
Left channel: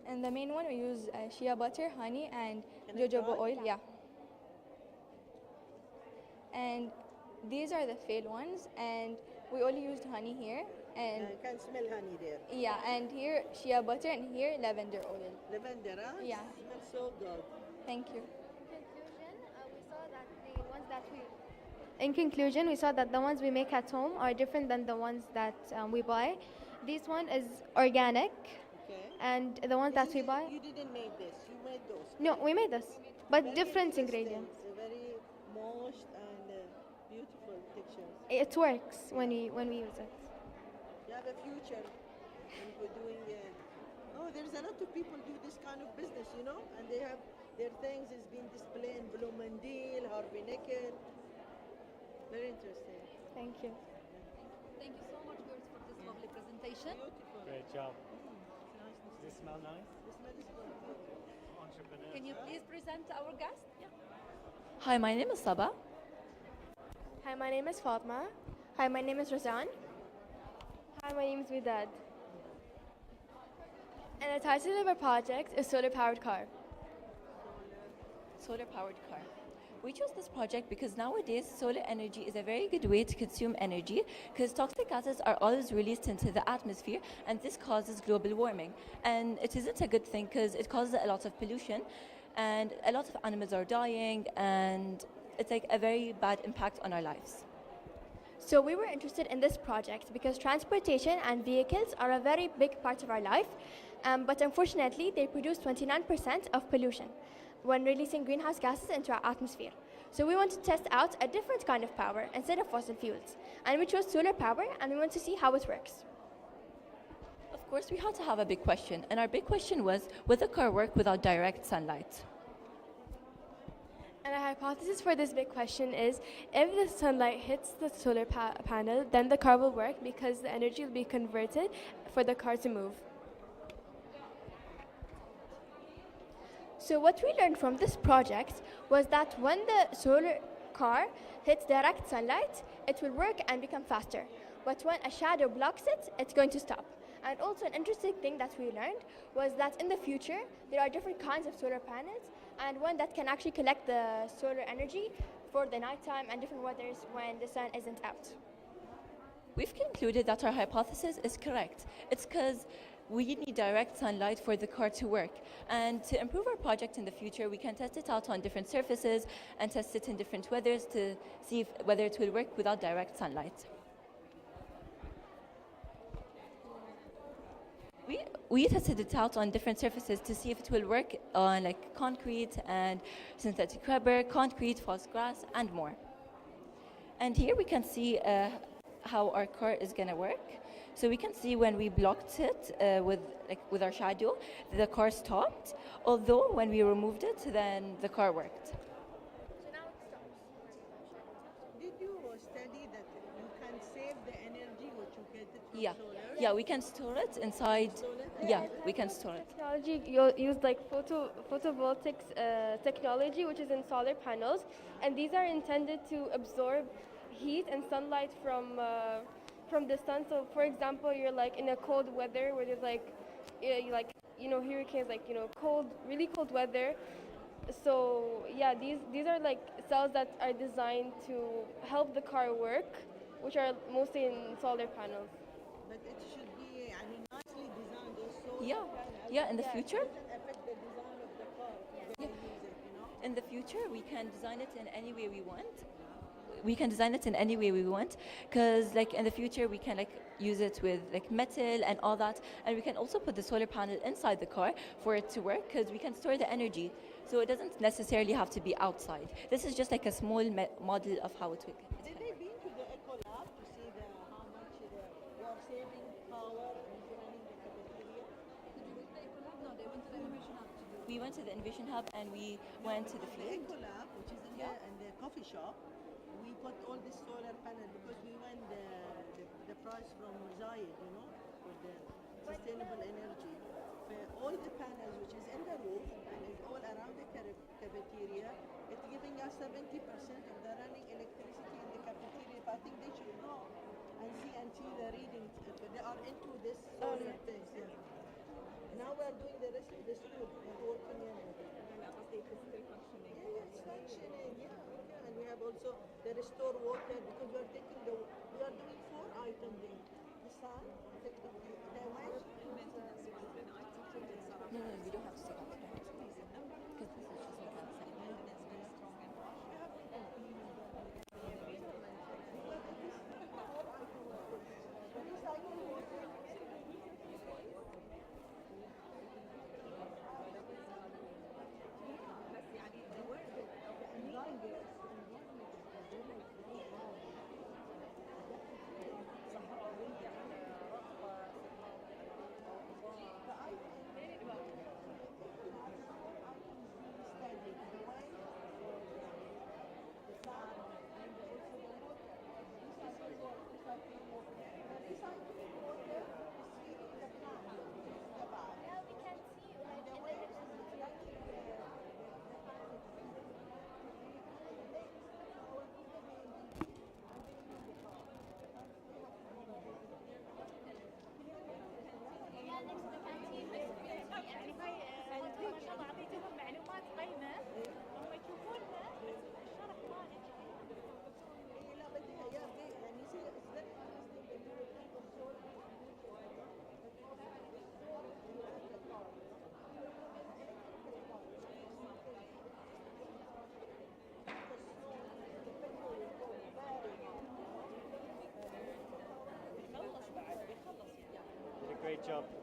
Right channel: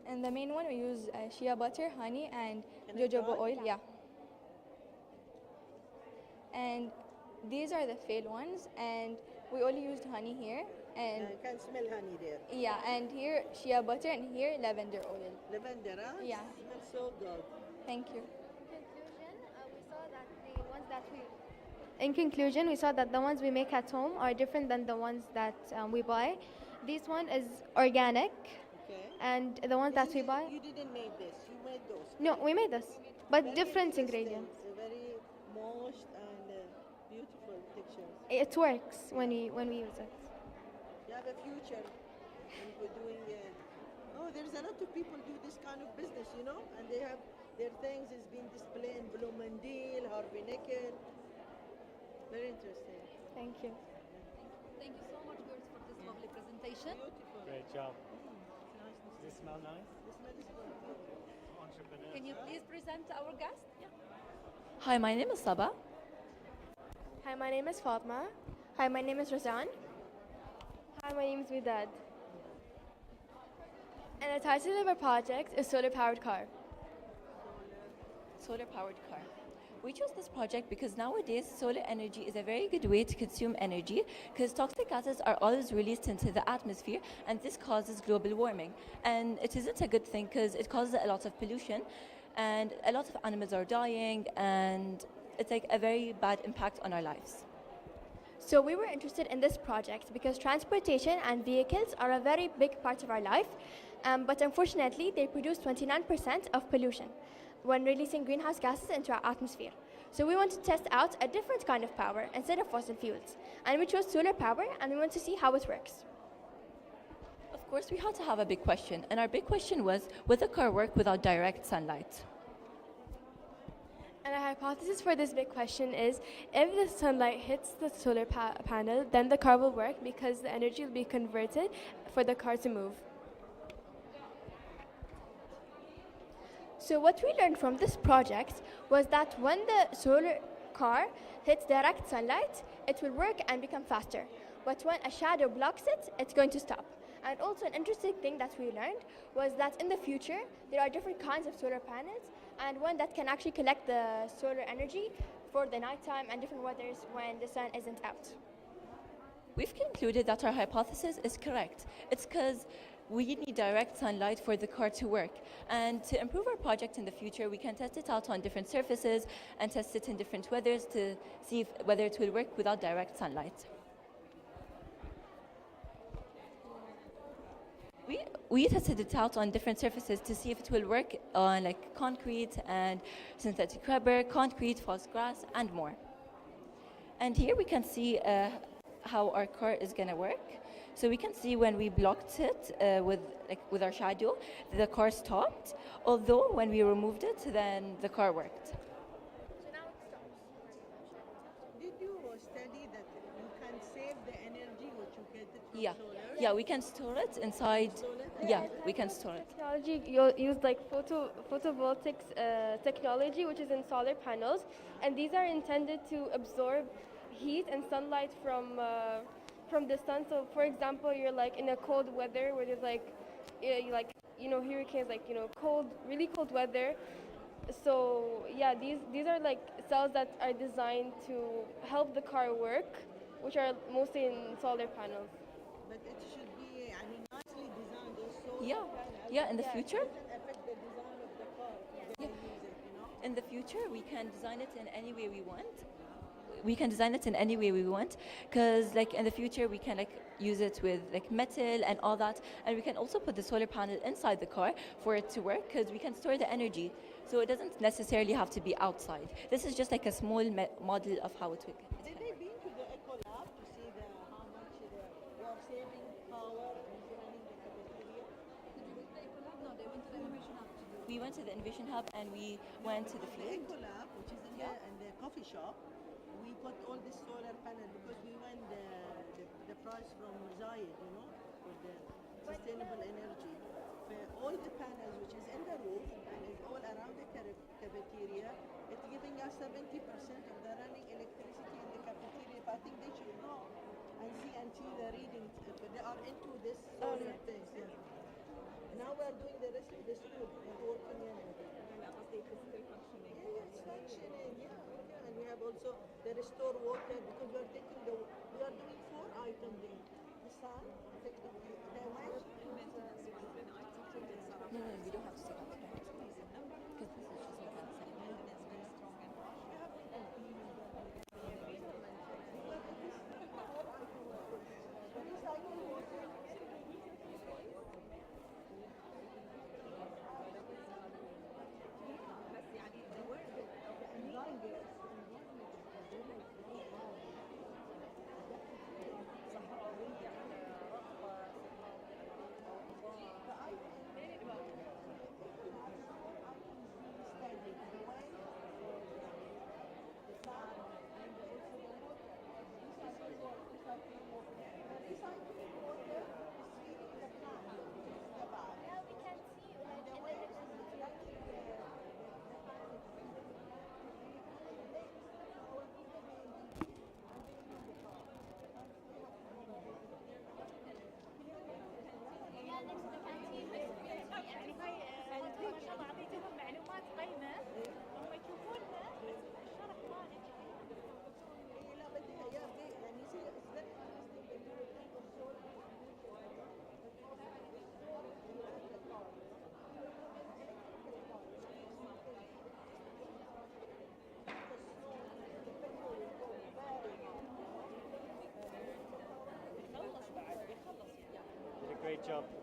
And the main one we use shea butter, honey, and jojoba oil. Yeah. And these are the failed ones, and we only used honey here. And I can smell honey there. yeah, and here shea butter, and here lavender oil. Lavender, huh? Yeah. Smells so good. Thank you. In conclusion, we saw that the ones we make at home are different than the ones that we buy. This one is organic, and the ones that we buy. You didn't make this. You made those. No, we made this, but Very different interesting. ingredients. Very moist and beautiful textures. It works when we use it. You have a future for doing. Oh, there's a lot of people do this kind of business, you know, and they have their things is being displayed in Blue Mandil, Harvey Nickel. Very interesting. Thank you. Thank you so much, girls, for this lovely presentation. Great job. Does this smell nice? Can you please present our guest? Hi, my name is Saba. Hi, my name is Fatma. Hi, my name is Razan. Hi, my name is Widad. And the title of our project is Solar Powered Car. Solar powered car. We chose this project because nowadays solar energy is a very good way to consume energy because toxic gases are always released into the atmosphere and this causes global warming. And it isn't a good thing because it causes a lot of pollution and a lot of animals are dying and it's like a very bad impact on our lives. So we were interested in this project because transportation and vehicles are a very big part of our life, but unfortunately they produce 29% of pollution when releasing greenhouse gases into our atmosphere. So we want to test out a different kind of power instead of fossil fuels. And we chose solar power and we want to see how it works. Of course, we had to have a big question, and our big question was, would the car work without direct sunlight? And our hypothesis for this big question is, if the sunlight hits the solar panel, then the car will work because the energy will be converted for the car to move. So what we learned from this project was that when the solar car hits direct sunlight, it will work and become faster. But when a shadow blocks it, it's going to stop. And also an interesting thing that we learned was that in the future, there are different kinds of solar panels, and one that can actually collect the solar energy for the nighttime and different weathers when the sun isn't out. We've concluded that our hypothesis is correct. It's because we need direct sunlight for the car to work. And to improve our project in the future, we can test it out on different surfaces and test it in different weathers to see whether it will work without direct sunlight. We tested it out on different surfaces to see if it will work on like concrete and synthetic rubber, concrete, false grass, and more. And here we can see how our car is going to work. So we can see when we blocked it with our shadow, the car stopped. Although when we removed it, then the car worked. Did you study that you can save the energy which you get it from Yeah, solar? yeah, we can store it inside. Yeah, we can store it. Technology used like photovoltaics technology, which is in solar panels, and these are intended to absorb heat and sunlight from the sun. So, for example, you're like in a cold weather where there's hurricanes, really cold weather. So yeah, these are like cells that are designed to help the car work, which are mostly in solar panels. But it should be nicely designed also. Yeah, in the future. Doesn't affect the design of the car. In the future, we can design it in any way we want. We can design it in any way we want, because like in the future we can like use it with like metal and all that, and we can also put the solar panel inside the car for it to work, because we can store the energy. So it doesn't necessarily have to be outside. This is just like a small model of how it would. Did they been to the Eco Lab to see how much they are saving power and running the cafeteria? We went to the Innovation Hub and we went to the The field. Eco Lab, which is in the coffee shop, we put all this solar panel because we won the prize from Zayed, you know, for the sustainable energy. All the panels, which is in the roof and is all around the cafeteria, it's giving us 70% of the running electricity in the cafeteria. I think they should go and see the readings. They are into this solar things. Yeah. Now we're doing the rest of the school. We're working in it. It's functioning, yeah. And we have also the restore water because we are doing 4 items here. The sun, the wind. No, you don't have to take off that. Because this is just like a setting.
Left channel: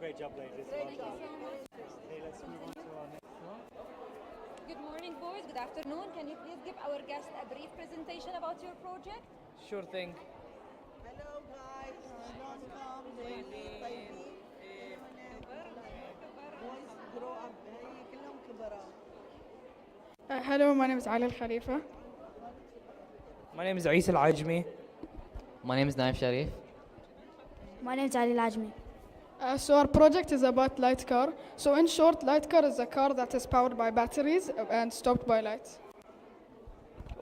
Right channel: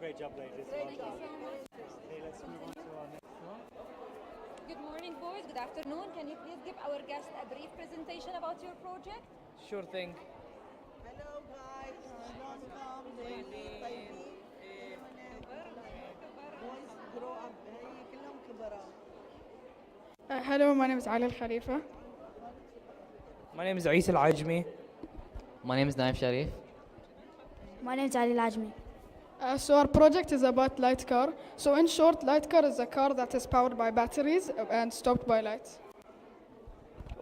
Great job, ladies. Thank you so much. Okay, let's move on to our next one. Good morning, boys. Good afternoon. Can you please give our guest a brief presentation about your project? Sure thing. Hello guys, long time, طيبين. Boys grow up. هي كلهم كبراء. Hello, my name is Ali Al Khalifa. My name is Isa Al Ajmi. My name is Naif Sharif. My name is Ali Al Ajmi. So our project is about light car. So in short, light car is a car that is powered by batteries and stopped by lights.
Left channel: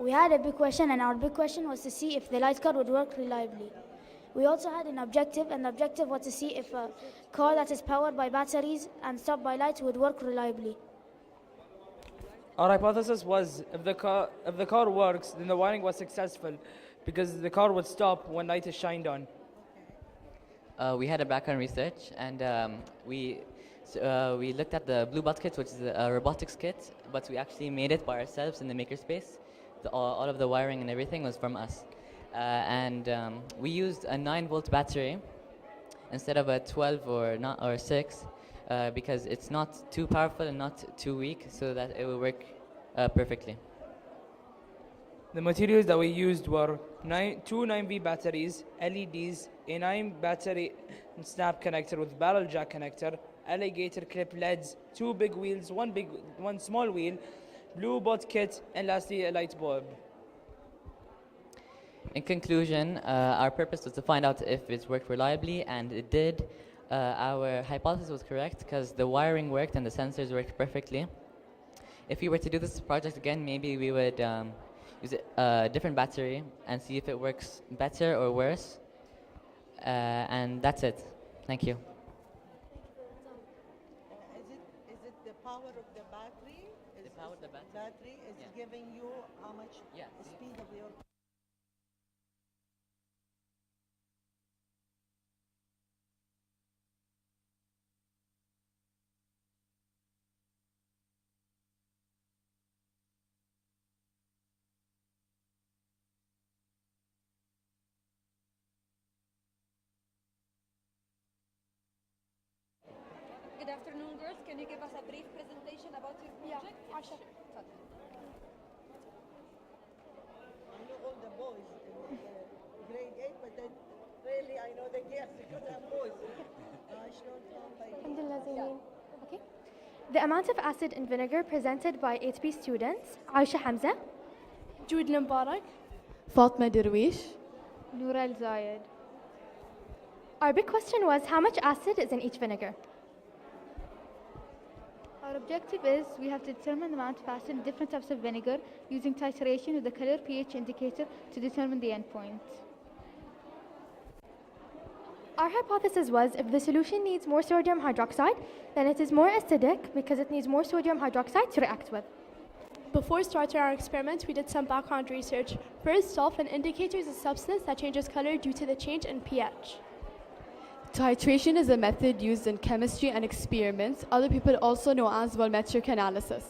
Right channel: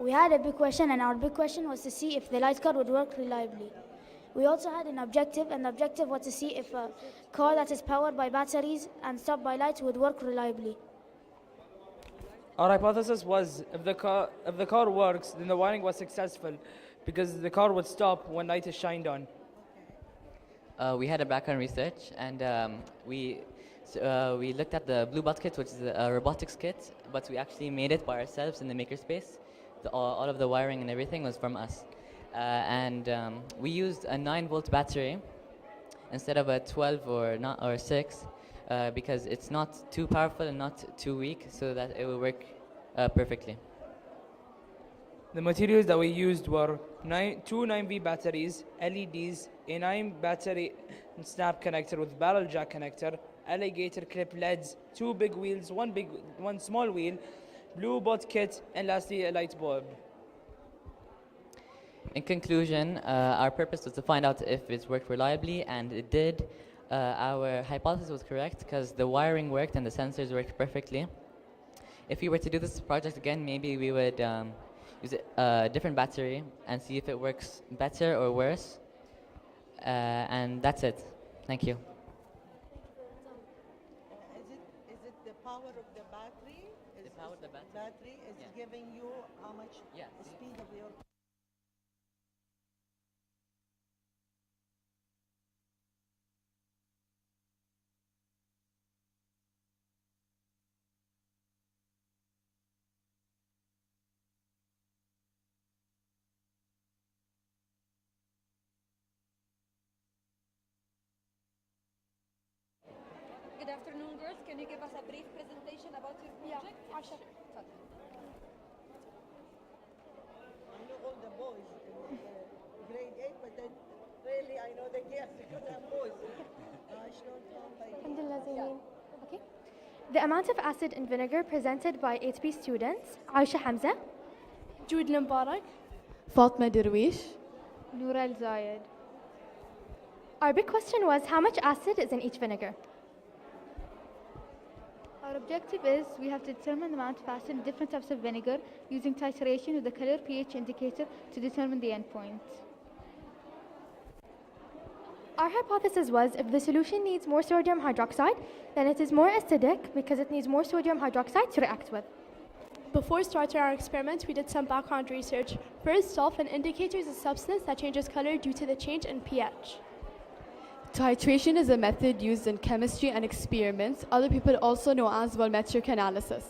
We had a big question, and our big question was to see if the light car would work reliably. We also had an objective, and the objective was to see if a car that is powered by batteries and stopped by lights would work reliably. Our hypothesis was if the car works, then the wiring was successful because the car would stop when light is shined on. We had a background research, and we looked at the Bluebot kit, which is a robotics kit, but we actually made it by ourselves in the makerspace. All of the wiring and everything was from us. We used a 9-volt battery instead of a 12 or 6 because it's not too powerful and not too weak, so that it will work perfectly. The materials that we used were 2 9V batteries, LEDs, a 9 battery snap connector with barrel jack connector, alligator clip LEDs, 2 big wheels, one small wheel, Bluebot kit, and lastly a light bulb. In conclusion, our purpose was to find out if it worked reliably, and it did. Our hypothesis was correct because the wiring worked and the sensors worked perfectly. If we were to do this project again, maybe we would use a different battery and see if it works better or worse. And that's it. Thank you. Is it the power of the battery? The power of the battery is giving you how much speed of your. Good afternoon, girls. Can you give us a brief presentation about your project? The amount of acid in vinegar presented by 8B students, Aisha Hamza, Jude Lambarak, Fatma Derwish, Noura Al Zayed. Our big question was how much acid is in each vinegar? Our objective is we have to determine the amount of acid in different types of vinegar using titration with the color pH indicator to determine the endpoint. Our hypothesis was if the solution needs more sodium hydroxide, then it is more acidic because it needs more sodium hydroxide to react with. Before starting our experiment, we did some background research. First off, an indicator is a substance that changes color due to the change in pH. Titration is a method used in chemistry and experiments. Other people also know as volumetric analysis.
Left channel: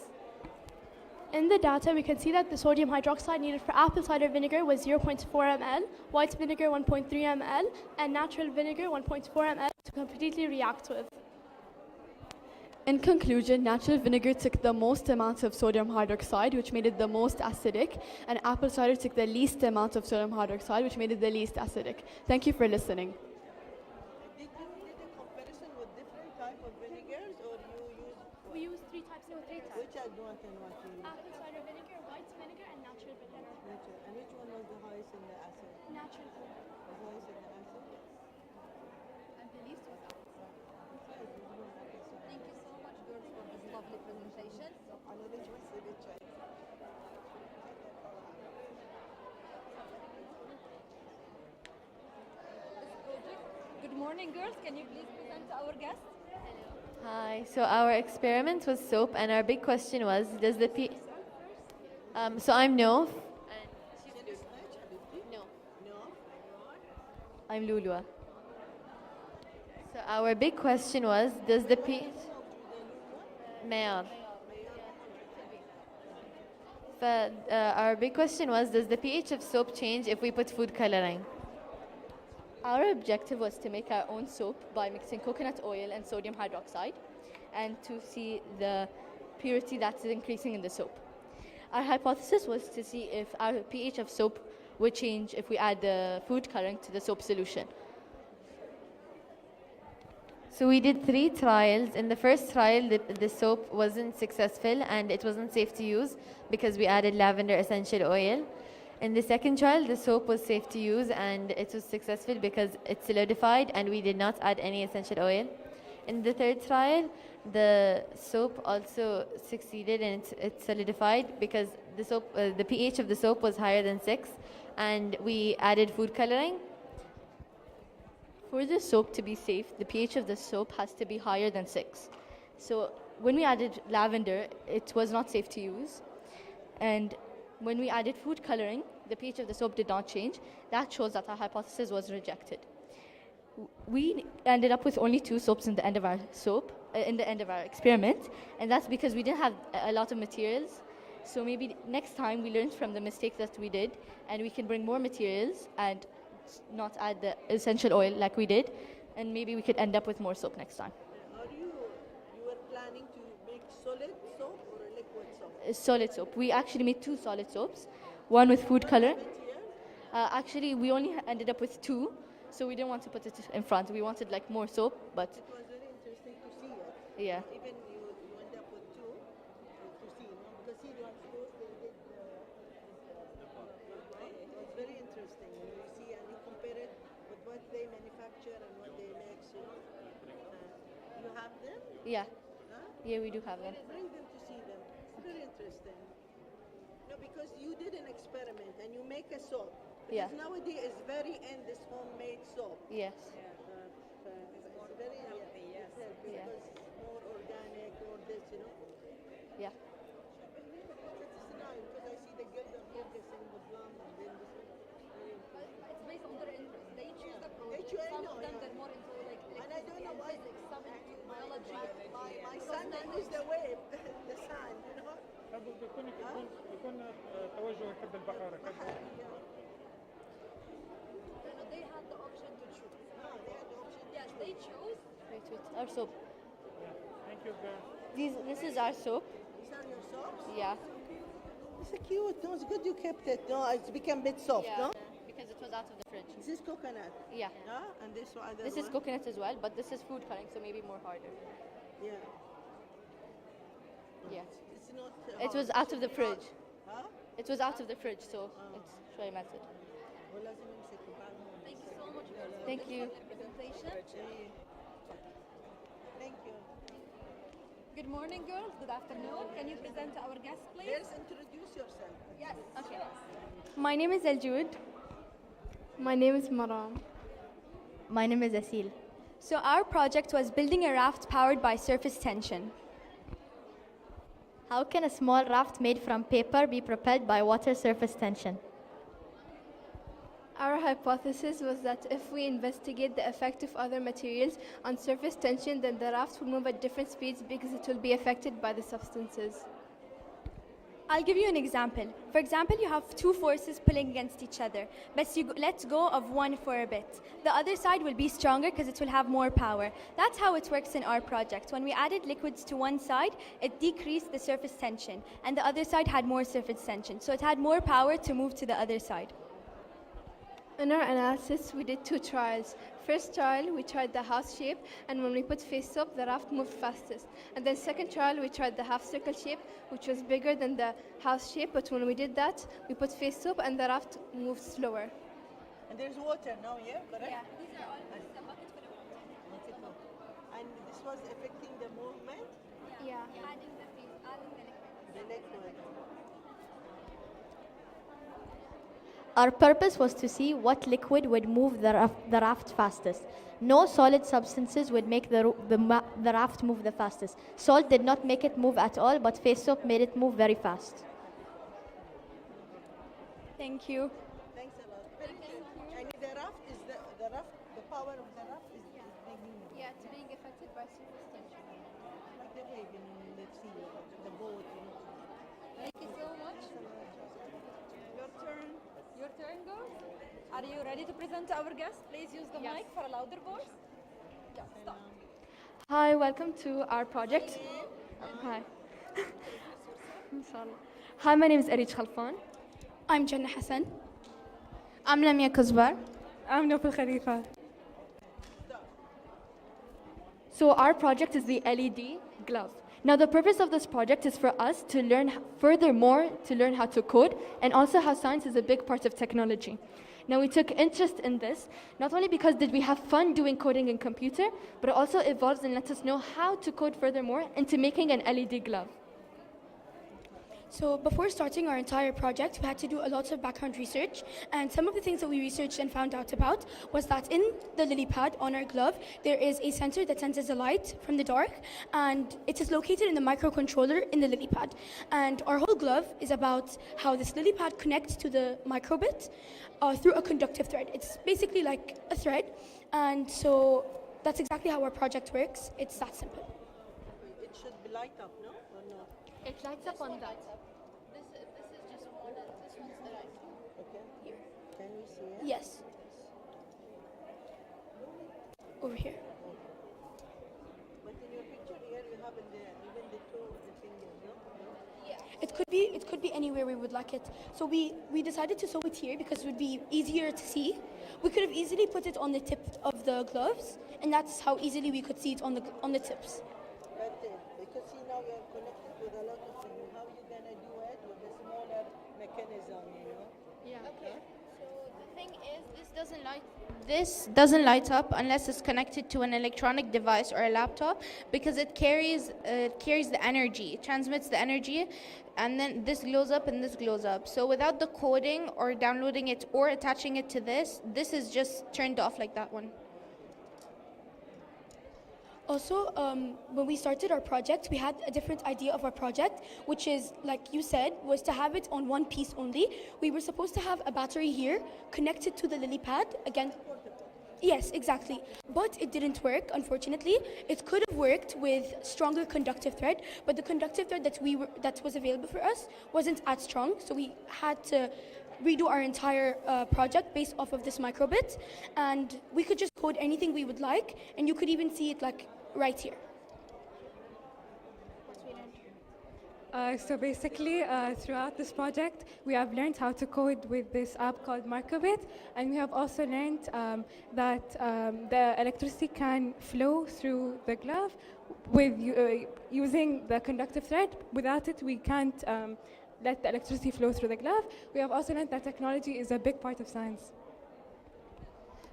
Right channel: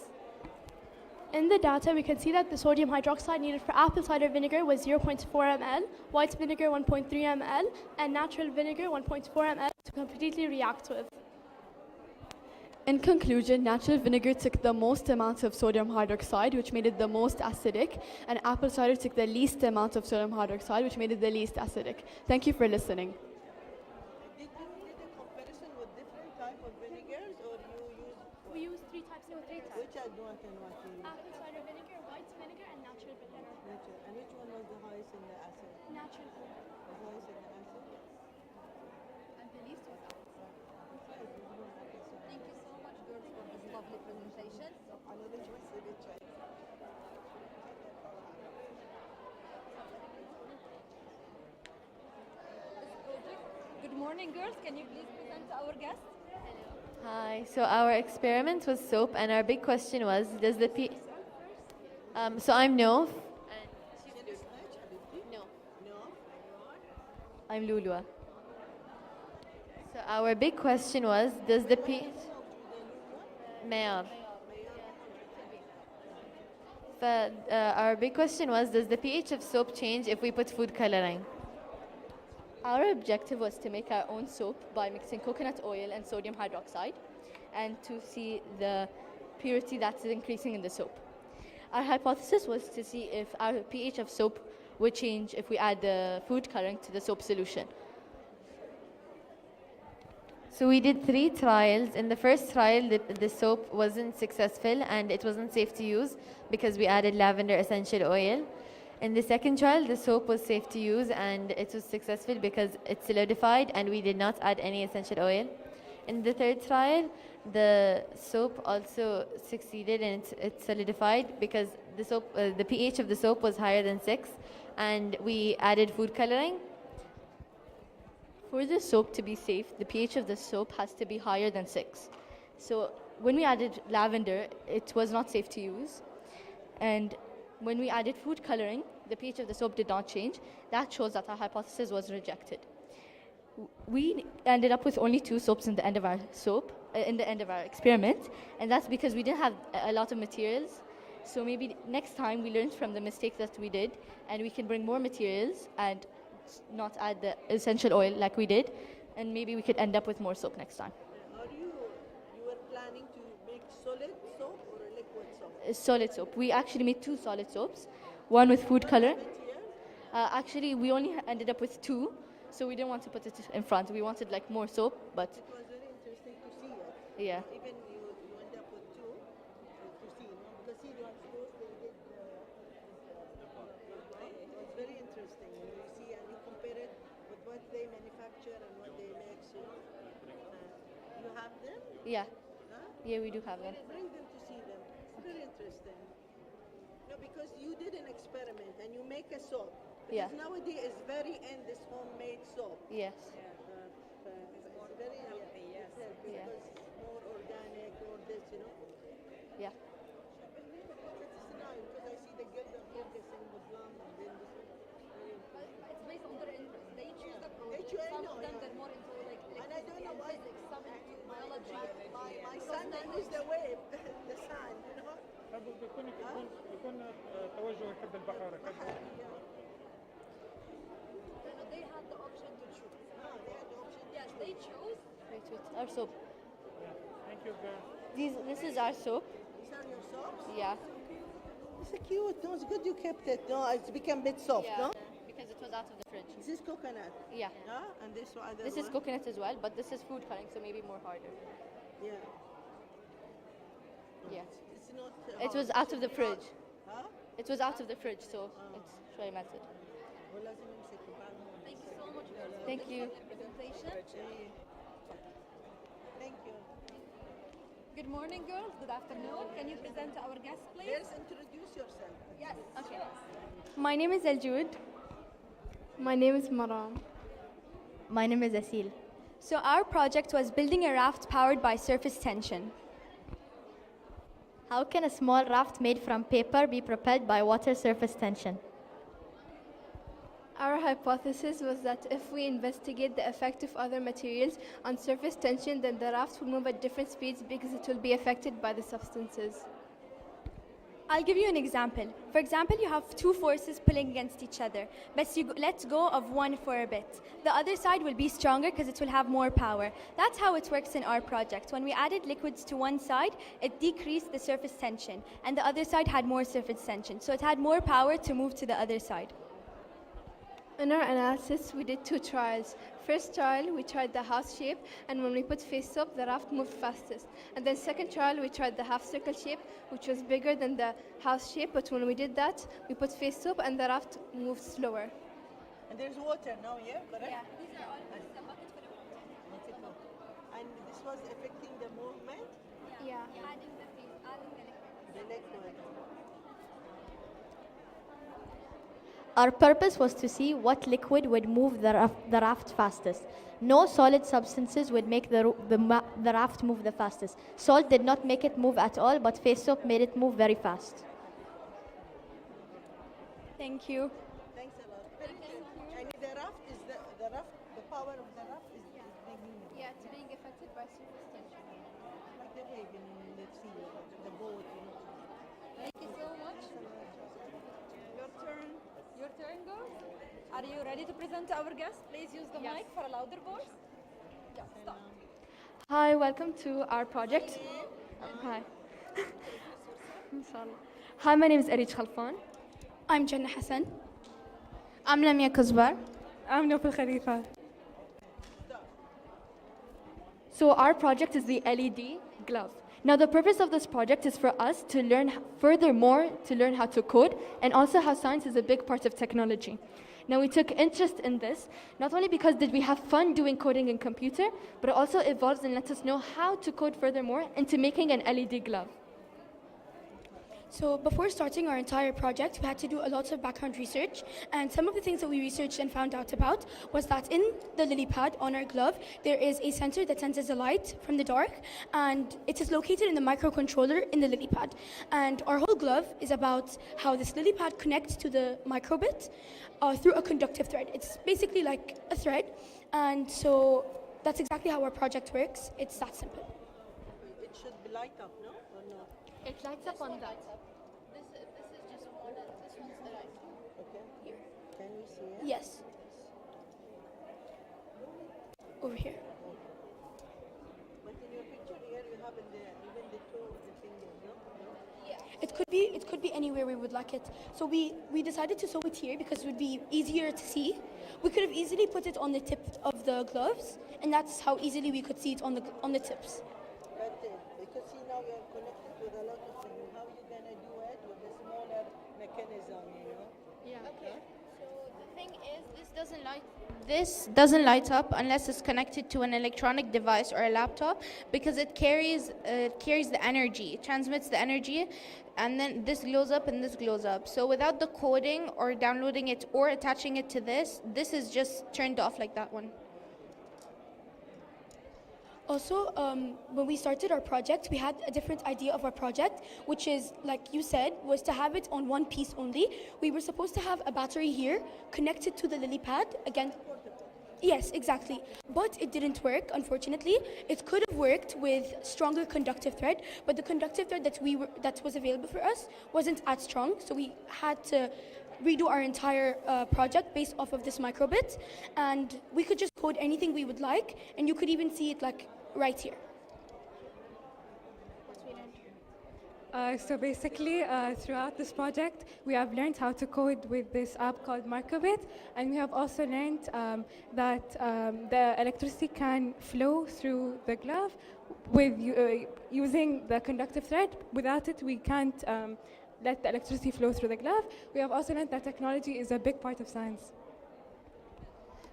In the data, we can see that the sodium hydroxide needed for apple cider vinegar was 0.4 ml, white vinegar 1.3 ml, and natural vinegar 1.4 ml to completely react with. In conclusion, natural vinegar took the most amount of sodium hydroxide, which made it the most acidic, and apple cider took the least amount of sodium hydroxide, which made it the least acidic. Thank you for listening. We use three types. Which are one and what you use? Apple cider vinegar, white vinegar, and natural vinegar. And which one was the highest in the acid? Natural vinegar. The highest in the acid? And the least was out. Thank you so much, girls, for this lovely presentation. Good morning, girls. Can you please present to our guests? Hi, so our experiment was soap, and our big question was, does the so I'm Nof. No. I'm Lulua. So our big question was, does the Mayor. Our big question was, does the pH of soap change if we put food coloring? Our objective was to make our own soap by mixing coconut oil and sodium hydroxide and to see the purity that's increasing in the soap. Our hypothesis was to see if our pH of soap would change if we add the food coloring to the soap solution. So we did 3 trials. In the first trial, the soap wasn't successful and it wasn't safe to use because we added lavender essential oil. In the second trial, the soap was safe to use and it was successful because it solidified and we did not add any essential oil. In the third trial, the soap also succeeded and it solidified because the pH of the soap was higher than 6 and we added food coloring. For the soap to be safe, the pH of the soap has to be higher than 6. So when we added lavender, it was not safe to use. And when we added food coloring, the pH of the soap did not change. That shows that our hypothesis was rejected. We ended up with only 2 soaps in the end of our experiment, and that's because we didn't have a lot of materials. So maybe next time we learned from the mistake that we did, and we can bring more materials and not add the essential oil like we did, and maybe we could end up with more soap next time. You were planning to make solid soap or liquid soap? Solid soap. We actually made 2 solid soaps, one with food color. Actually, we only ended up with 2, so we didn't want to put it in front. We wanted like more soap, but it was very interesting to see it. Yeah. Even you end up with 2 to see, because see the ones they did, right? It was very interesting. You see and you compare it with what they manufacture and what they make. So you have them? Yeah. Huh? Yeah, we do have them. Bring them to see them. It's very interesting. No, because you did an experiment and you make a soap. Yeah. Because nowadays it's very in this homemade soap. Yes. It's very healthy, yes. Yeah. Because it's more organic, more this, Yeah. It's nice because I see the girls are focusing Muslim and then It's based on their interest. They choose the project. I Some know, of them yeah. they're more into like And I don't know why physics, some into biology. my son knows the wave, the sun, يكون توجه يحب البحر They have the option to choose. Yes, they choose. Our soap. Thank you, This is our soap. These are your soaps? Yeah. It's cute. No, it's good you kept it. No, it's become a bit soft, Yeah, no? because it was out of the fridge. This is coconut. Yeah. Huh? And this one. This is coconut as well, but this is food coloring, so maybe more harder. Yeah. It was out of the fridge. It was out of the fridge, so it's شوي melted. Thank you so much for Thank you. presentation. Thank you. Good morning, girls. Good afternoon. Can you present to our guests, please? Let's introduce yourself. Yes. Okay. My name is Eljud. My name is Maram. My name is Asil. So our project was building a raft powered by surface tension. How can a small raft made from paper be propelled by water surface tension? Our hypothesis was that if we investigate the effect of other materials on surface tension, then the raft will move at different speeds because it will be affected by the substances. I'll give you an example. For example, you have two forces pulling against each other, but let's go of one for a bit. The other side will be stronger because it will have more power. That's how it works in our project. When we added liquids to one side, it decreased the surface tension, and the other side had more surface tension. So it had more power to move to the other side. In our analysis, we did two trials. First trial, we tried the house shape, and when we put face up, the raft moved fastest. And then second trial, we tried the half circle shape, which was bigger than the house shape, but when we did that, we put face up and the raft moved slower. And there's water now, yeah? Correct? Yeah. These are all this is a bucket full of water. And this was affecting the movement? Yeah. Adding the face, adding the liquid. The liquid. Our purpose was to see what liquid would move the raft fastest. No solid substances would make the raft move the fastest. Salt did not make it move at all, but face soap made it move very fast. Thank you. Thanks a lot. And the raft is the raft, the power of the raft is being moved. Yeah, it's being affected by surface tension. Like the egg in the sea, the boat. Thank you so much. Your turn. Your turn, girls. Are you ready to present to our guests? Please use the mic for a louder voice. Yeah, stop. Hi, welcome to our project. Hi. I'm sorry. Hi, my name is Arij Khalfan. I'm Jannah Hassan. I'm Lamia Kuzbar. I'm Nopal Khalifa. So our project is the LED glove. Now the purpose of this project is for us to learn furthermore to learn how to code and also how science is a big part of technology. Now we took interest in this not only because did we have fun doing coding in computer, but it also evolves and lets us know how to code furthermore into making an LED glove. So before starting our entire project, we had to do a lot of background research, and some of the things that we researched and found out about was that in the lily pad on our glove, there is a sensor that senses a light from the dark, and it is located in the microcontroller in the lily pad. And our whole glove is about how this lily pad connects to the microbit through a conductive thread. It's basically like a thread, and so that's exactly how our project works. It's that simple. It should be light up, no? Or no? It lights up on that. This is just one. This one's the right. Okay. Here. Can we see it? Yes. Over here. But in your picture here, you have even the toe of the finger, no? Yeah. It could be anywhere we would like it. So we decided to sew it here because it would be easier to see. We could have easily put it on the tip of the gloves, and that's how easily we could see it on the tips. But because see now we are connected with a lot of things. How you gonna do it with a smaller mechanism, you know? Yeah. Okay. So the thing is, this doesn't light up unless it's connected to an electronic device or a laptop because it carries the energy, it transmits the energy, and then this glows up and this glows up. So without the coding or downloading it or attaching it to this is just turned off like that one. Also, when we started our project, we had a different idea of our project, which is, like you said, was to have it on one piece only. We were supposed to have a battery here connected to the lily pad. Again, yes, exactly. But it didn't work, unfortunately. It could have worked with stronger conductive thread, but the conductive thread that was available for us wasn't as strong, so we had to redo our entire project based off of this microbit, and we could just code anything we would like, and you could even see it like right here. So basically, throughout this project, we have learned how to code with this app called Microbit, and we have also learned that the electricity can flow through the glove with using the conductive thread. Without it, we can't let the electricity flow through the glove. We have also learned that technology is a big part of science.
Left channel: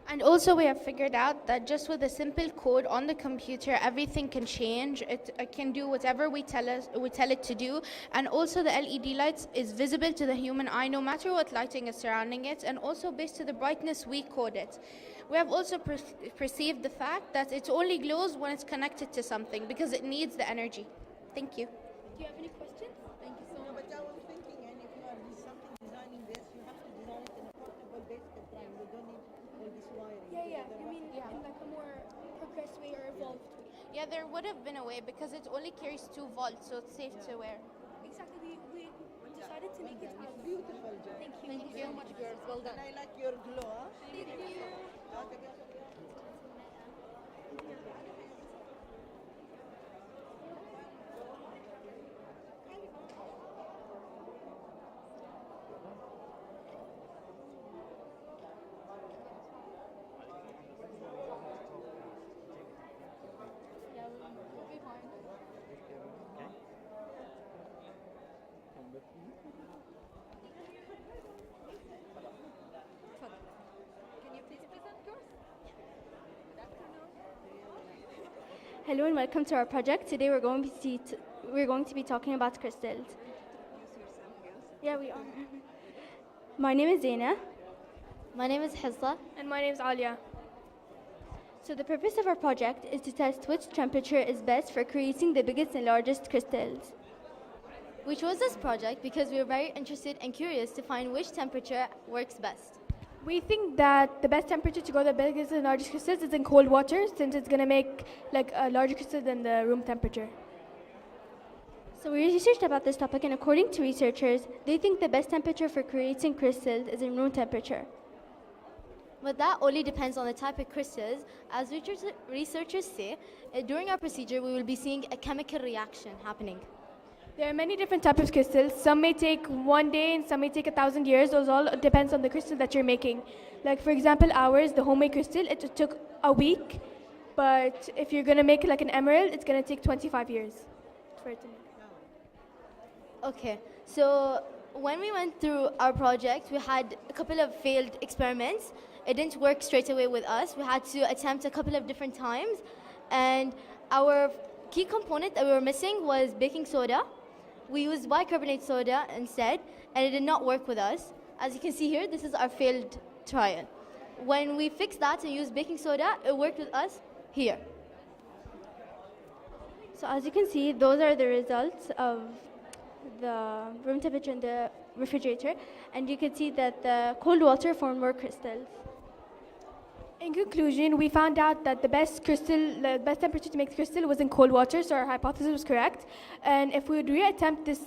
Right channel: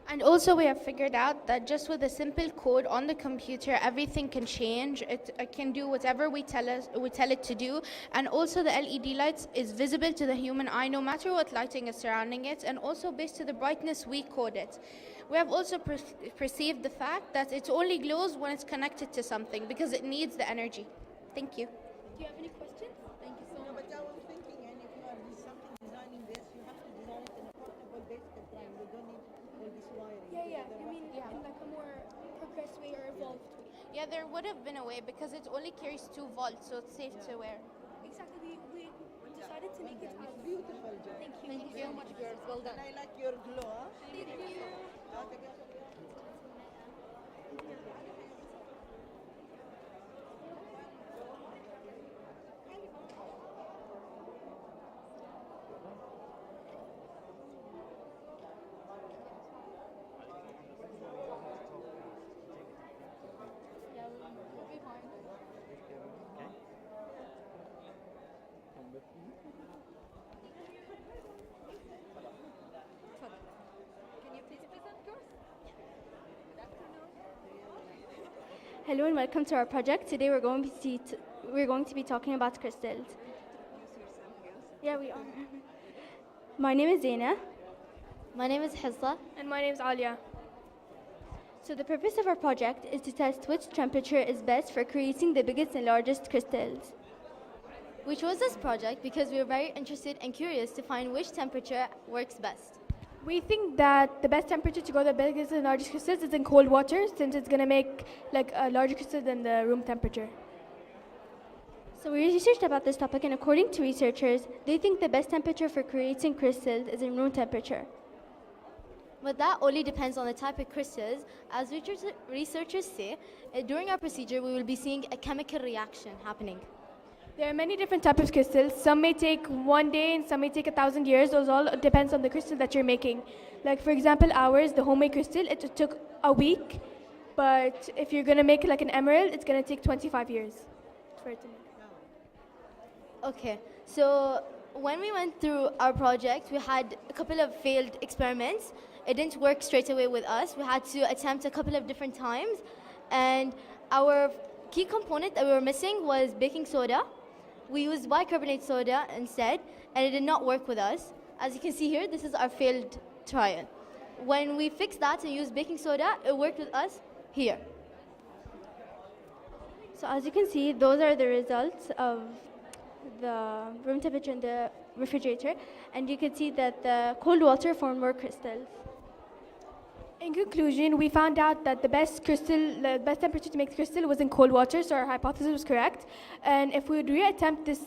And also we have figured out that just with a simple code on the computer, everything can change. It can do whatever we tell it to do. And also the LED lights is visible to the human eye no matter what lighting is surrounding it. And also based to the brightness we code it. We have also perceived the fact that it only glows when it's connected to something because it needs the energy. Thank you. Do you have any questions? Thank you so much. But I was thinking, and if you are designing this, you have to design it in a portable basic plan. You don't need all this wiring. Yeah. You mean in like a more progressed way or evolved way? Yeah, there would have been a way because it only carries 2 volts, so it's safe to wear. Exactly. We decided to make it as beautiful. Thank you. Thank you so much, girls. Well done. And I like your glow. Thank you. Hello and welcome to our project. Today we're going to be talking about crystals. Yeah, we are. My name is Zaina. My name is Hissa. And my name is Alia. So the purpose of our project is to test which temperature is best for creating the biggest and largest crystals. We chose this project because we were very interested and curious to find which temperature works best. We think that the best temperature to grow the biggest and largest crystals is in cold water, since it's going to make like a larger crystal than the room temperature. So we researched about this topic, and according to researchers, they think the best temperature for creating crystals is in room temperature. But that only depends on the type of crystals. As researchers say, during our procedure we will be seeing a chemical reaction happening. There are many different types of crystals. Some may take 1 day and some may take 1,000 years. Those all depends on the crystal that you're making. Like for example, ours, the homemade crystal, it took a week. But if you're going to make like an emerald, it's going to take 25 years for it to make. Okay, so when we went through our project, we had a couple of failed experiments. It didn't work straight away with us. We had to attempt a couple of different times. And our key component that we were missing was baking soda. We used bicarbonate soda instead, and it did not work with us. As you can see here, this is our failed trial. When we fixed that and used baking soda, it worked with us here. So as you can see, those are the results of the room temperature in the refrigerator, and you can see that the cold water formed more crystals. In conclusion, we found out that the best temperature to make the crystal was in cold water, so our hypothesis was correct. And if we would reattempt this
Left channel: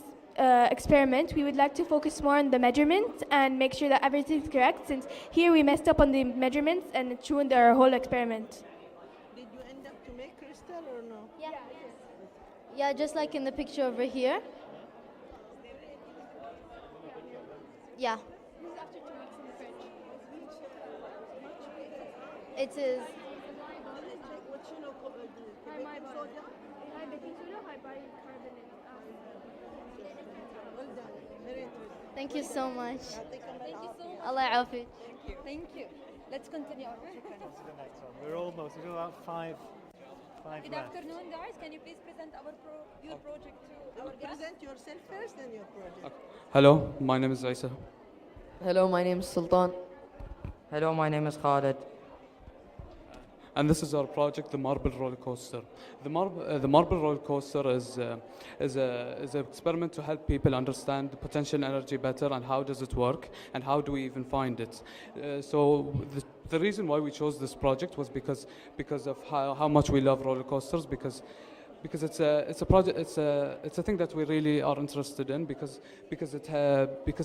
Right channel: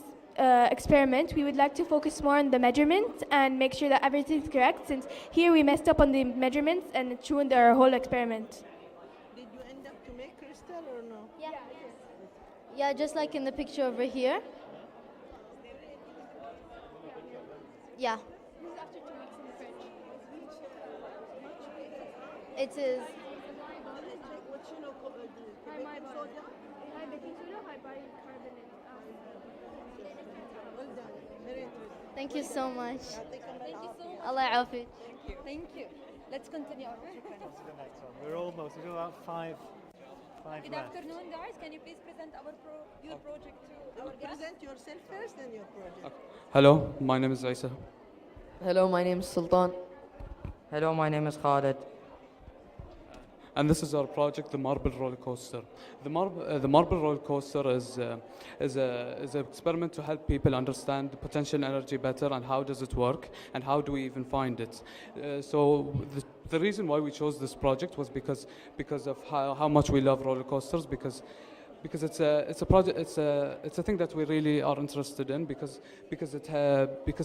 experiment, we would like to focus more on the measurements and make sure that everything's correct, since here we messed up on the measurements and it ruined our whole experiment. Did you end up to make crystal or no? Yeah, just like in the picture over here. Yeah. It is. Thank you so much. Allah ya'afik. Thank you. Let's continue our We're almost. We do about five Good minutes. afternoon, guys. Can you please present your project to our guests? Present yourself first and your project. Hello, my name is Isa. Hello, my name is Sultan. Hello, my name is Khaled. And this is our project, the Marble Roller Coaster. The Marble Roller Coaster is an experiment to help people understand the potential energy better and how does it work and how do we even find it. So the reason why we chose this project was because of how much we love roller coasters, because it's a project, it's a thing that we really are interested in, because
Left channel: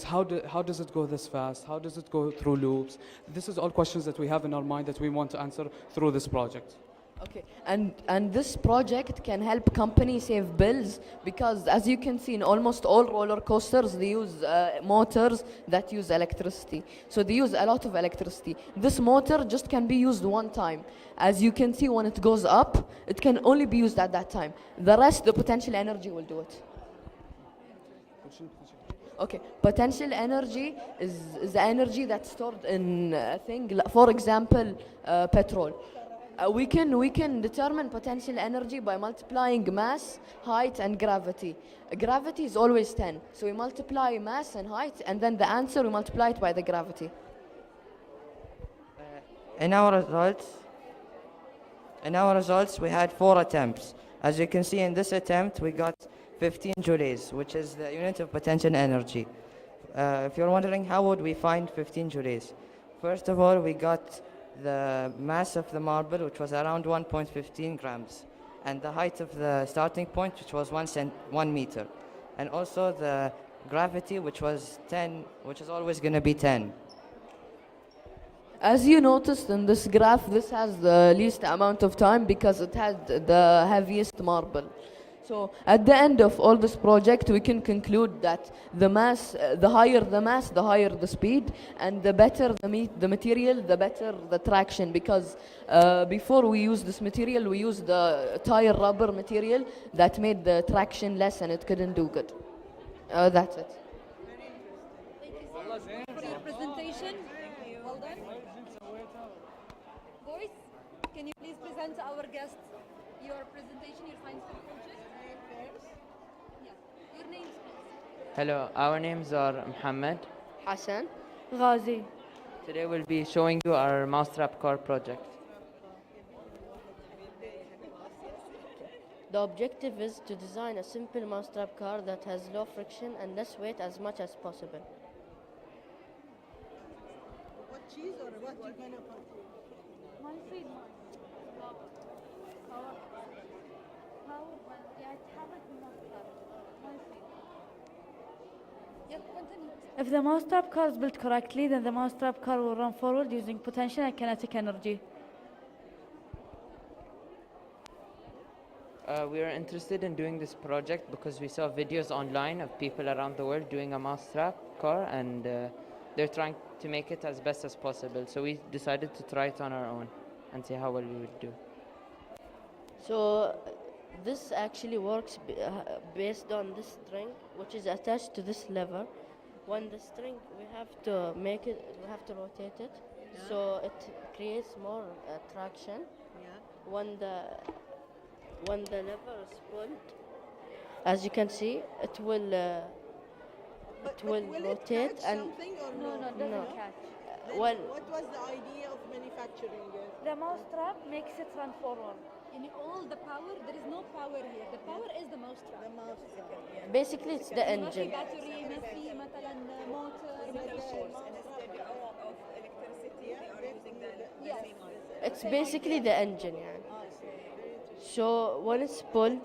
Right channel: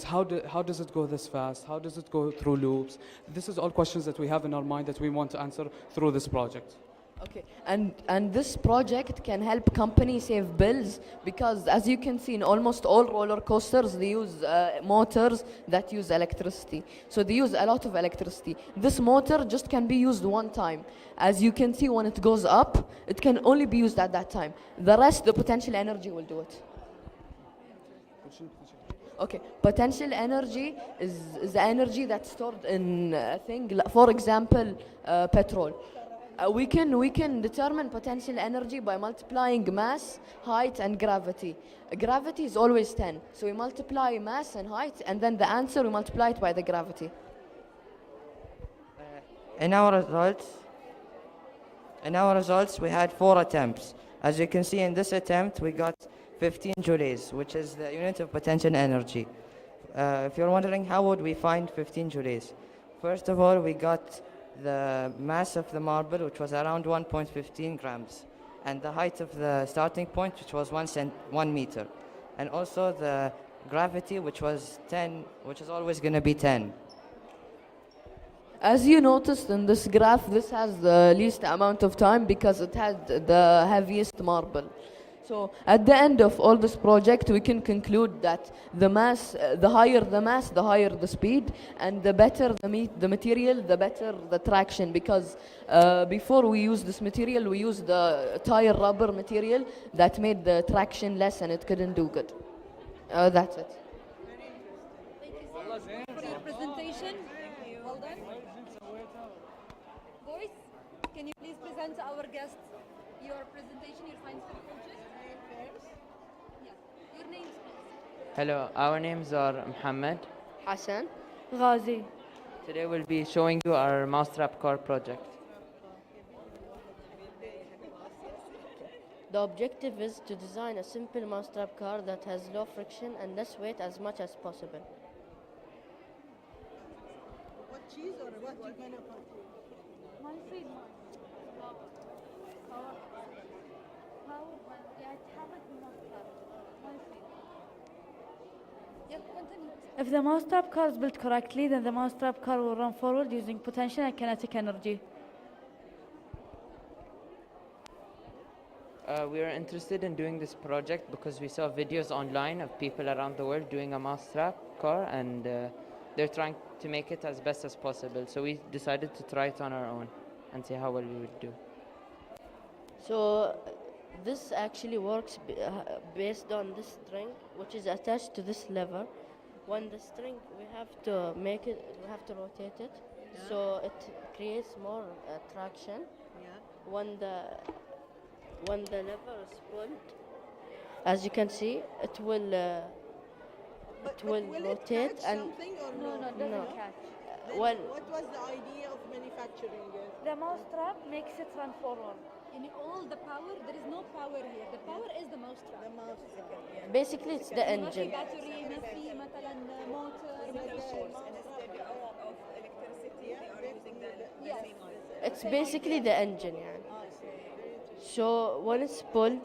how does it go this fast? How does it go through loops? This is all questions that we have in our mind that we want to answer through this project. Okay, and this project can help companies save bills because, as you can see, in almost all roller coasters, they use motors that use electricity. So they use a lot of electricity. This motor just can be used one time. As you can see, when it goes up, it can only be used at that time. The rest, the potential energy will do it. Okay, potential energy is energy that's stored in a thing. For example, petrol. We can determine potential energy by multiplying mass, height, and gravity. Gravity is always 10, so we multiply mass and height, and then the answer we multiply it by the gravity. In our results, we had 4 attempts. As you can see, in this attempt, we got 15 joules, which is the unit of potential energy. If you're wondering how would we find 15 joules, first of all, we got the mass of the marble, which was around 1.15 grams, and the height of the starting point, which was 1 meter, and also the gravity, which was 10, which is always going to be 10. As you noticed in this graph, this has the least amount of time because it had the heaviest marble. So at the end of all this project, we can conclude that the mass, the higher the mass, the higher the speed, and the better the material, the better the traction. Because before we used this material, we used the tire rubber material that made the traction less and it couldn't do good. That's it. For your presentation. Well done. Boys, can you please present to our guests your presentation, your science approaches? Yes. Your names, please. Hello, our names are Muhammad, Hassan, Ghazi. Today we'll be showing you our Mousetrap car project. The objective is to design a simple mousetrap car that has low friction and less weight as much as possible. What cheese or what you gonna put? If the mousetrap car is built correctly, then the mousetrap car will run forward using potential and kinetic energy. We are interested in doing this project because we saw videos online of people around the world doing a mousetrap car, and they're trying to make it as best as possible. So we decided to try it on our own and see how well we would do. So this actually works based on this string, which is attached to this lever. When the string, we have to rotate it, so it creates more traction. When the lever is pulled, as you can see, it will rotate catch and something or No, it doesn't catch. Well, What was the idea of manufacturing it? The mousetrap makes it run forward. In all the power, there is no power here. The power is the mousetrap. basically it's the engine. battery, ما في مثلا motor. Yes. It's basically the engine, yeah. So when it's pulled,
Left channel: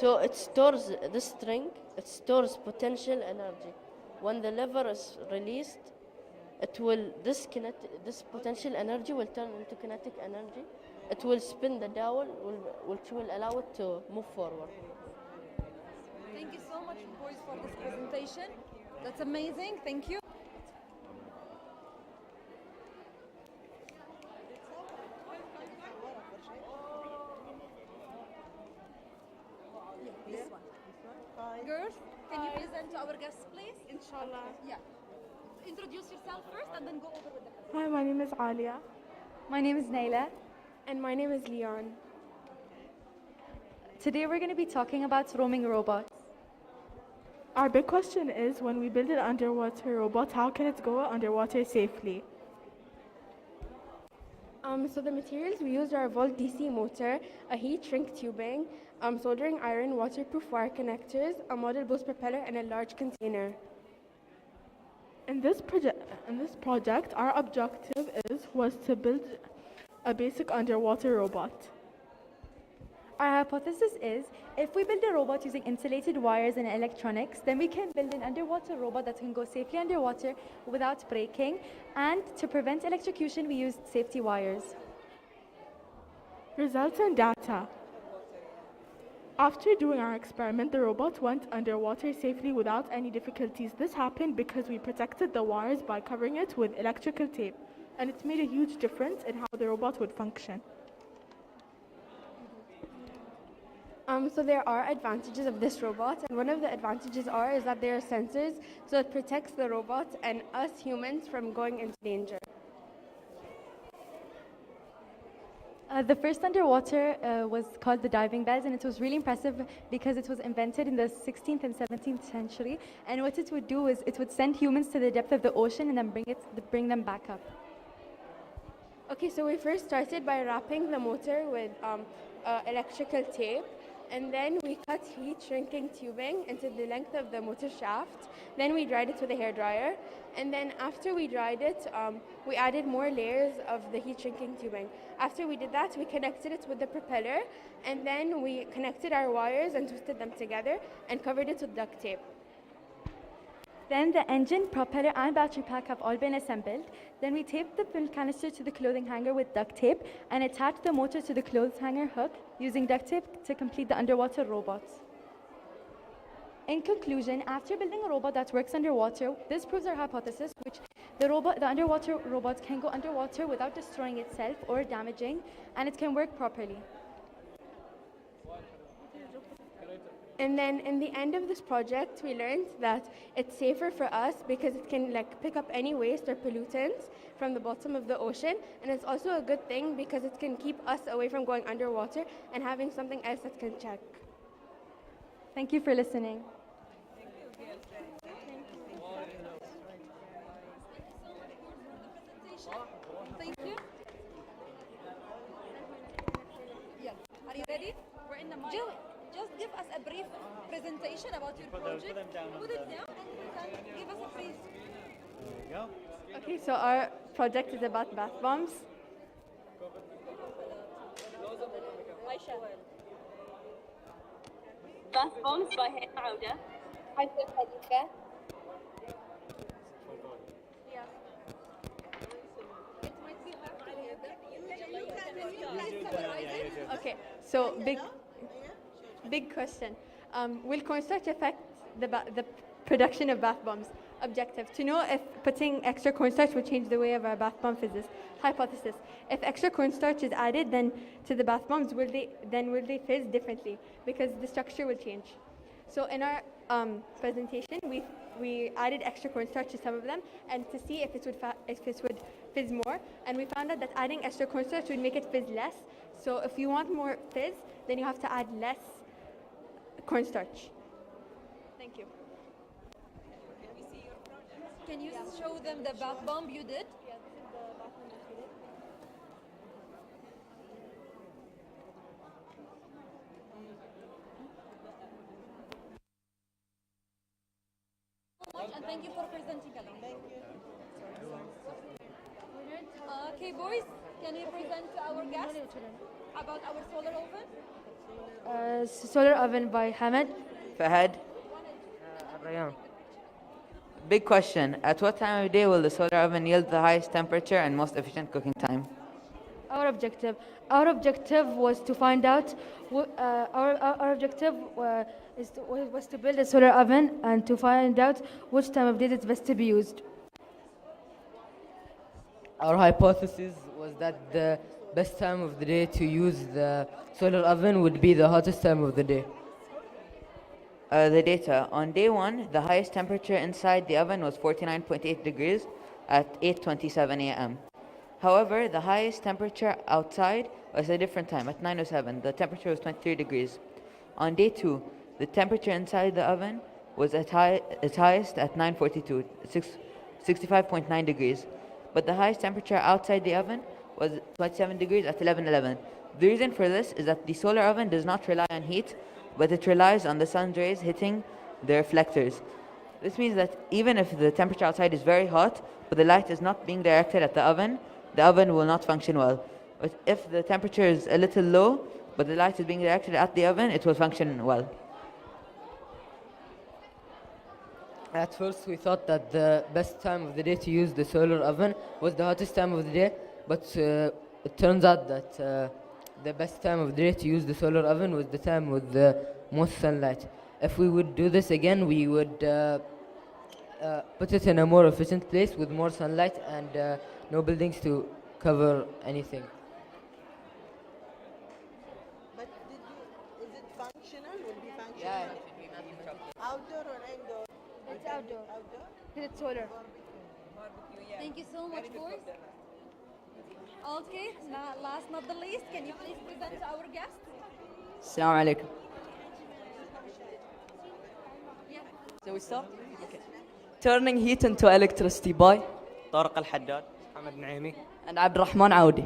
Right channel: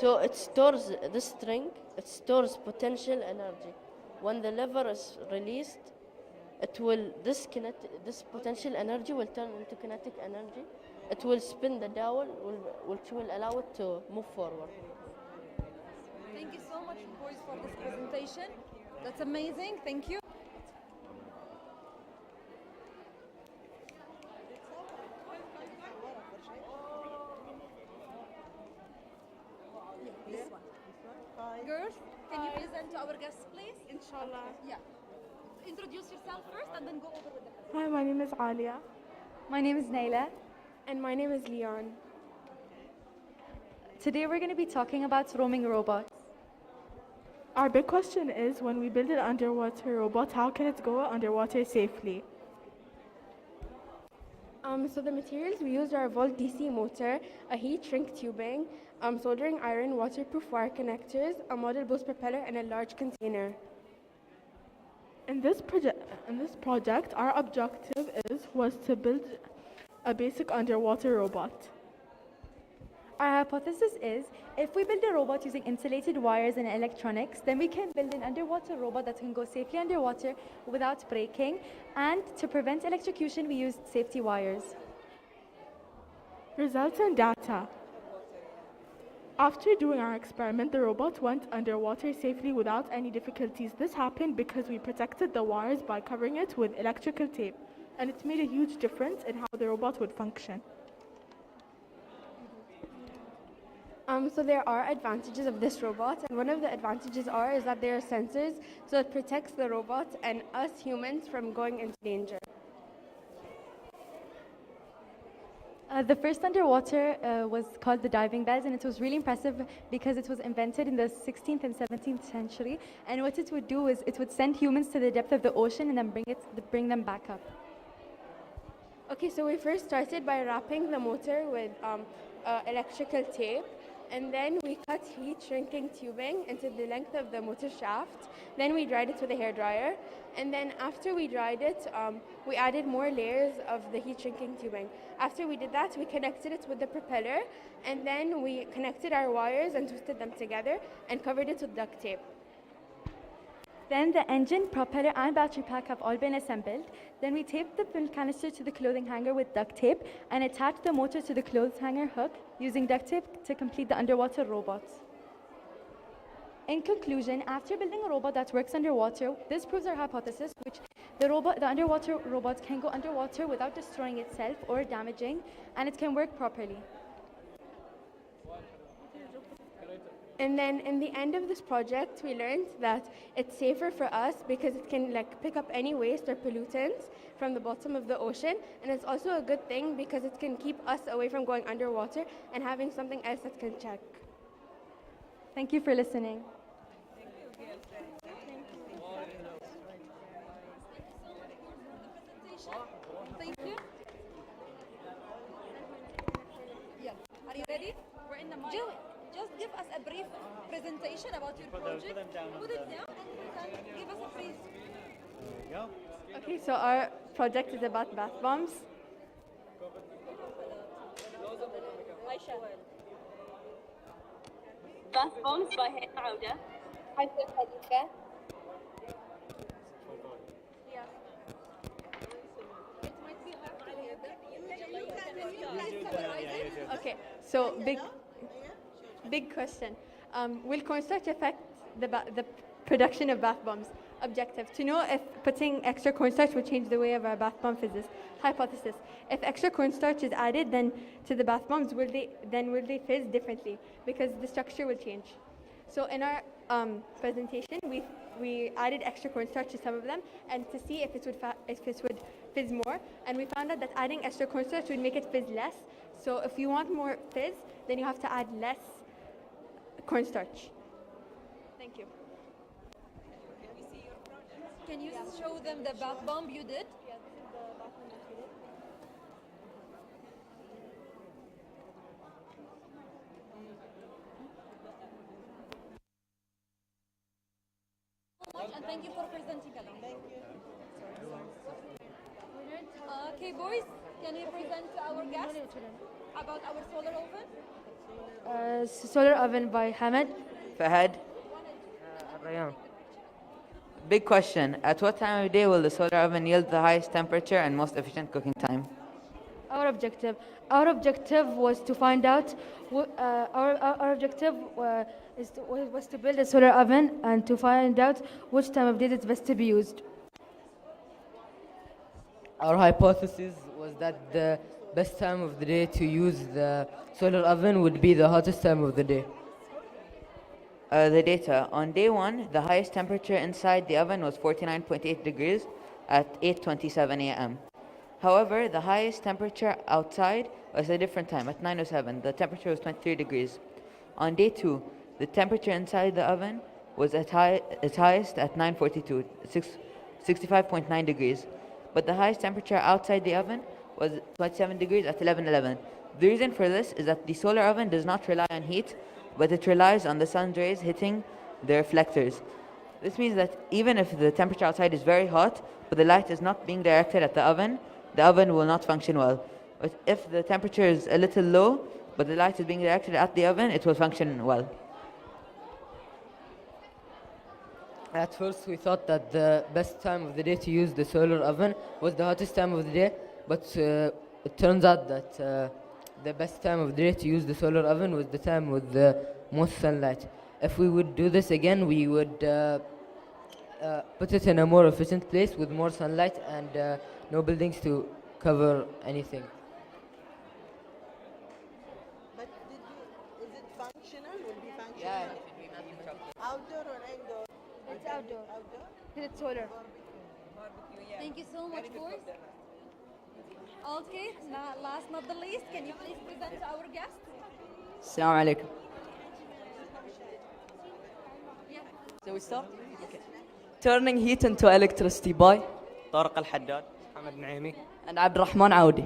so it stores the string, it stores potential energy. When the lever is released, it will this potential energy will turn into kinetic energy. It will spin the dowel, which will allow it to move forward. Thank you so much, boys, for this presentation. That's amazing. Thank you. This one. Girls, can you present to our guests, please? Inshallah. Yeah. Introduce yourself first and then go over with the presentation. Hi, my name is Alia. My name is Naila. And my name is Leon. Today we're going to be talking about roaming robots. Our big question is, when we build an underwater robot, how can it go underwater safely? So the materials we used are a volt DC motor, a heat shrink tubing, soldering iron, waterproof wire connectors, a model boost propeller, and a large container. In this project, our objective was to build a basic underwater robot. Our hypothesis is, if we build a robot using insulated wires and electronics, then we can build an underwater robot that can go safely underwater without breaking. And to prevent electrocution, we used safety wires. Results and data. After doing our experiment, the robot went underwater safely without any difficulties. This happened because we protected the wires by covering it with electrical tape, and it's made a huge difference in how the robot would function. So there are advantages of this robot, and one of the advantages is that there are sensors, so it protects the robot and us humans from going into danger. The first underwater was called the diving bell, and it was really impressive because it was invented in the 16th and 17th century. And what it would do is it would send humans to the depth of the ocean and then bring them back up. Okay, so we first started by wrapping the motor with electrical tape, and then we cut heat shrinking tubing into the length of the motor shaft. Then we dried it with a hairdryer, and then after we dried it, we added more layers of the heat shrinking tubing. After we did that, we connected it with the propeller, and then we connected our wires and twisted them together and covered it with duct tape. Then the engine, propeller, and battery pack have all been assembled. Then we taped the fuel canister to the clothing hanger with duct tape and attached the motor to the clothes hanger hook using duct tape to complete the underwater robot. In conclusion, after building a robot that works underwater, this proves our hypothesis, which the underwater robot can go underwater without destroying itself or damaging, and it can work properly. And then in the end of this project, we learned that it's safer for us because it can pick up any waste or pollutants from the bottom of the ocean. And it's also a good thing because it can keep us away from going underwater and having something else that can check. Thank you for listening. Thank you. Yeah. Are you ready? We're in the mic. Just give us a brief presentation about your project. Put them down and give us a brief. Okay, so our project is about bath bombs. Aisha. Bath bombs by Hayat Auda. Okay, so big question. Will cornstarch affect the production of bath bombs? Objective: to know if putting extra cornstarch will change the way of our bath bomb fizzes. Hypothesis: if extra cornstarch is added then to the bath bombs, will they fizz differently because the structure will change? So in our presentation, we added extra cornstarch to some of them, and to see if it would fizz more, and we found out that adding extra cornstarch would make it fizz less. So if you want more fizz, then you have to add less cornstarch. Thank you. Can you show them the bath bomb you did? And thank you for presenting along. Thank you. Okay, boys, can you present to our guests about our solar oven? Solar oven by Hamad. Fahad. Rayan. Big question. At what time of day will the solar oven yield the highest temperature and most efficient cooking time? Our objective was to find out. Our objective was to build a solar oven and to find out which time of day it's best to be used. Our hypothesis was that the best time of the day to use the solar oven would be the hottest time of the day. The data. On day 1, the highest temperature inside the oven was 49.8 degrees at 8:27 a.m. However, the highest temperature outside was a different time, at 9:07. The temperature was 23 degrees. On day 2, the temperature inside the oven was its highest at 9:42, 65.9 degrees. But the highest temperature outside the oven was 27 degrees at 11:11. The reason for this is that the solar oven does not rely on heat, but it relies on the sun's rays hitting the reflectors. This means that even if the temperature outside is very hot, but the light is not being directed at the oven will not function well. But if the temperature is a little low, but the light is being reacted at the oven, it will function well. At first, we thought that the best time of the day to use the solar oven was the hottest time of the day, but it turns out that the best time of the day to use the solar oven was the time with the most sunlight. If we would do this again, we would put it in a more efficient place with more sunlight and no buildings to cover anything. But is it functional? Will be functional? Outdoor or indoor? It's outdoor. Outdoor? It's solar. Thank you so much, boys. Okay, last not the least, can you please present to our guests? Assalamu alaikum. So we start? Okay. Turning heat into electricity by طارق الحداد, Ahmed Naimi, and Abdurrahman Aoudi.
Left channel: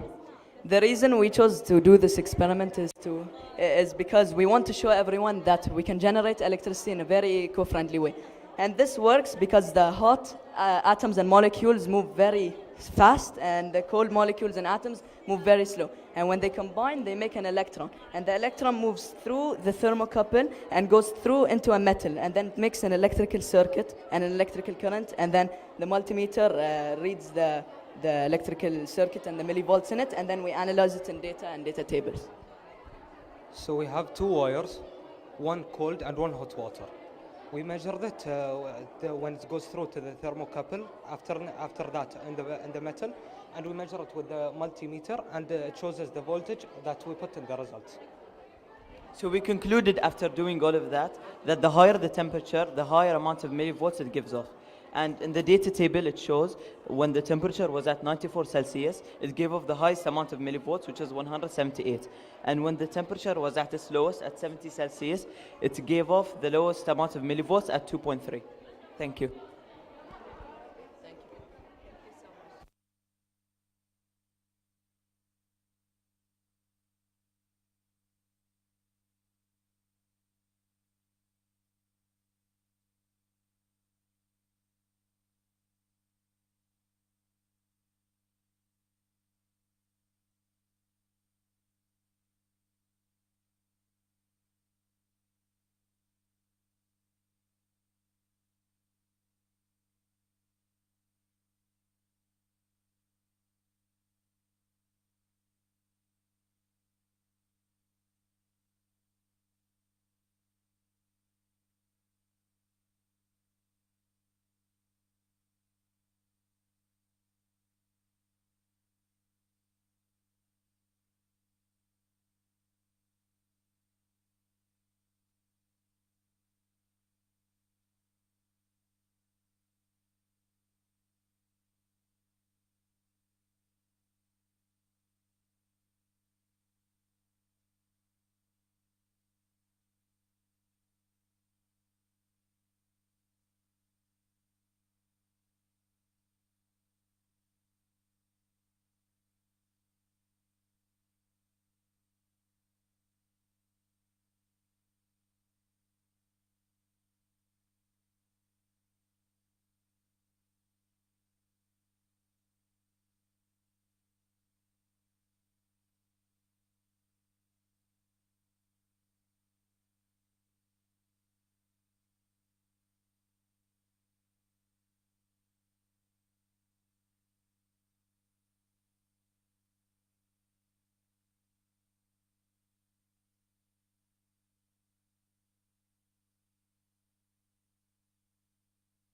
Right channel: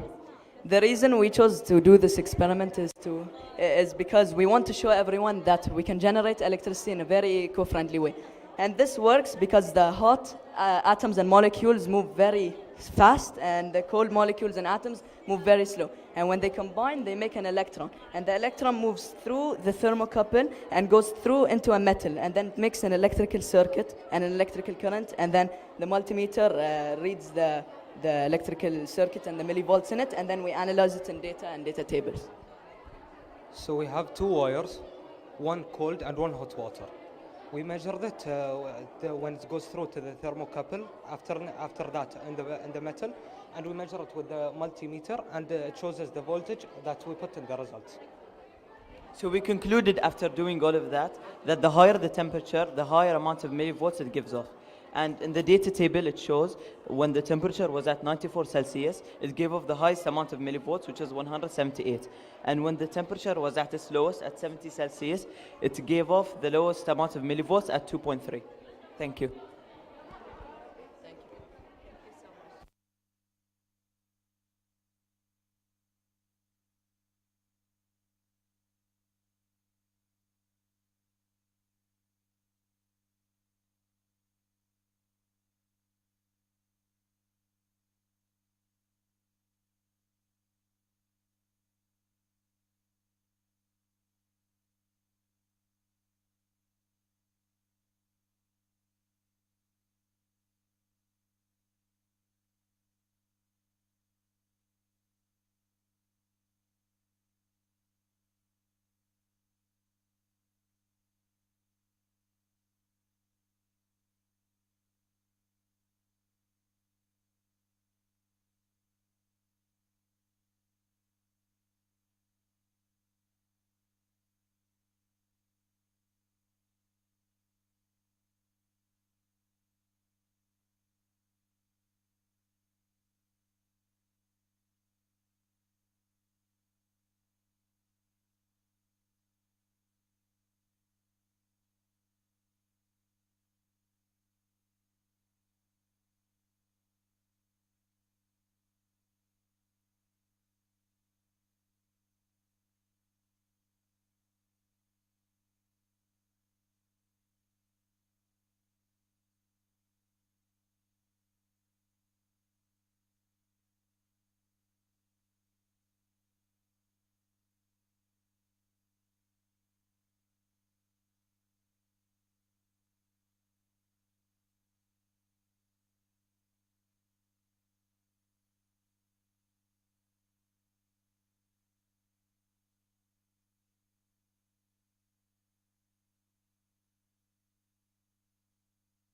The reason we chose to do this experiment is because we want to show everyone that we can generate electricity in a very eco-friendly way. And this works because the hot atoms and molecules move very fast, and the cold molecules and atoms move very slow. And when they combine, they make an electron. And the electron moves through the thermocouple and goes through into a metal, and then makes an electrical circuit and an electrical current. And then the multimeter reads the electrical circuit and the millivolts in it, and then we analyze it in data and data tables. So we have two wires, one cold and one hot water. We measured it when it goes through to the thermocouple, after that in the metal, and we measure it with the multimeter, and it shows us the voltage that we put in the results. So we concluded after doing all of that the higher the temperature, the higher amount of millivolts it gives off. And in the data table it shows when the temperature was at 94 Celsius, it gave off the highest amount of millivolts, which is 178. And when the temperature was at its lowest, at 70 Celsius, it gave off the lowest amount of millivolts at 2.3. Thank you.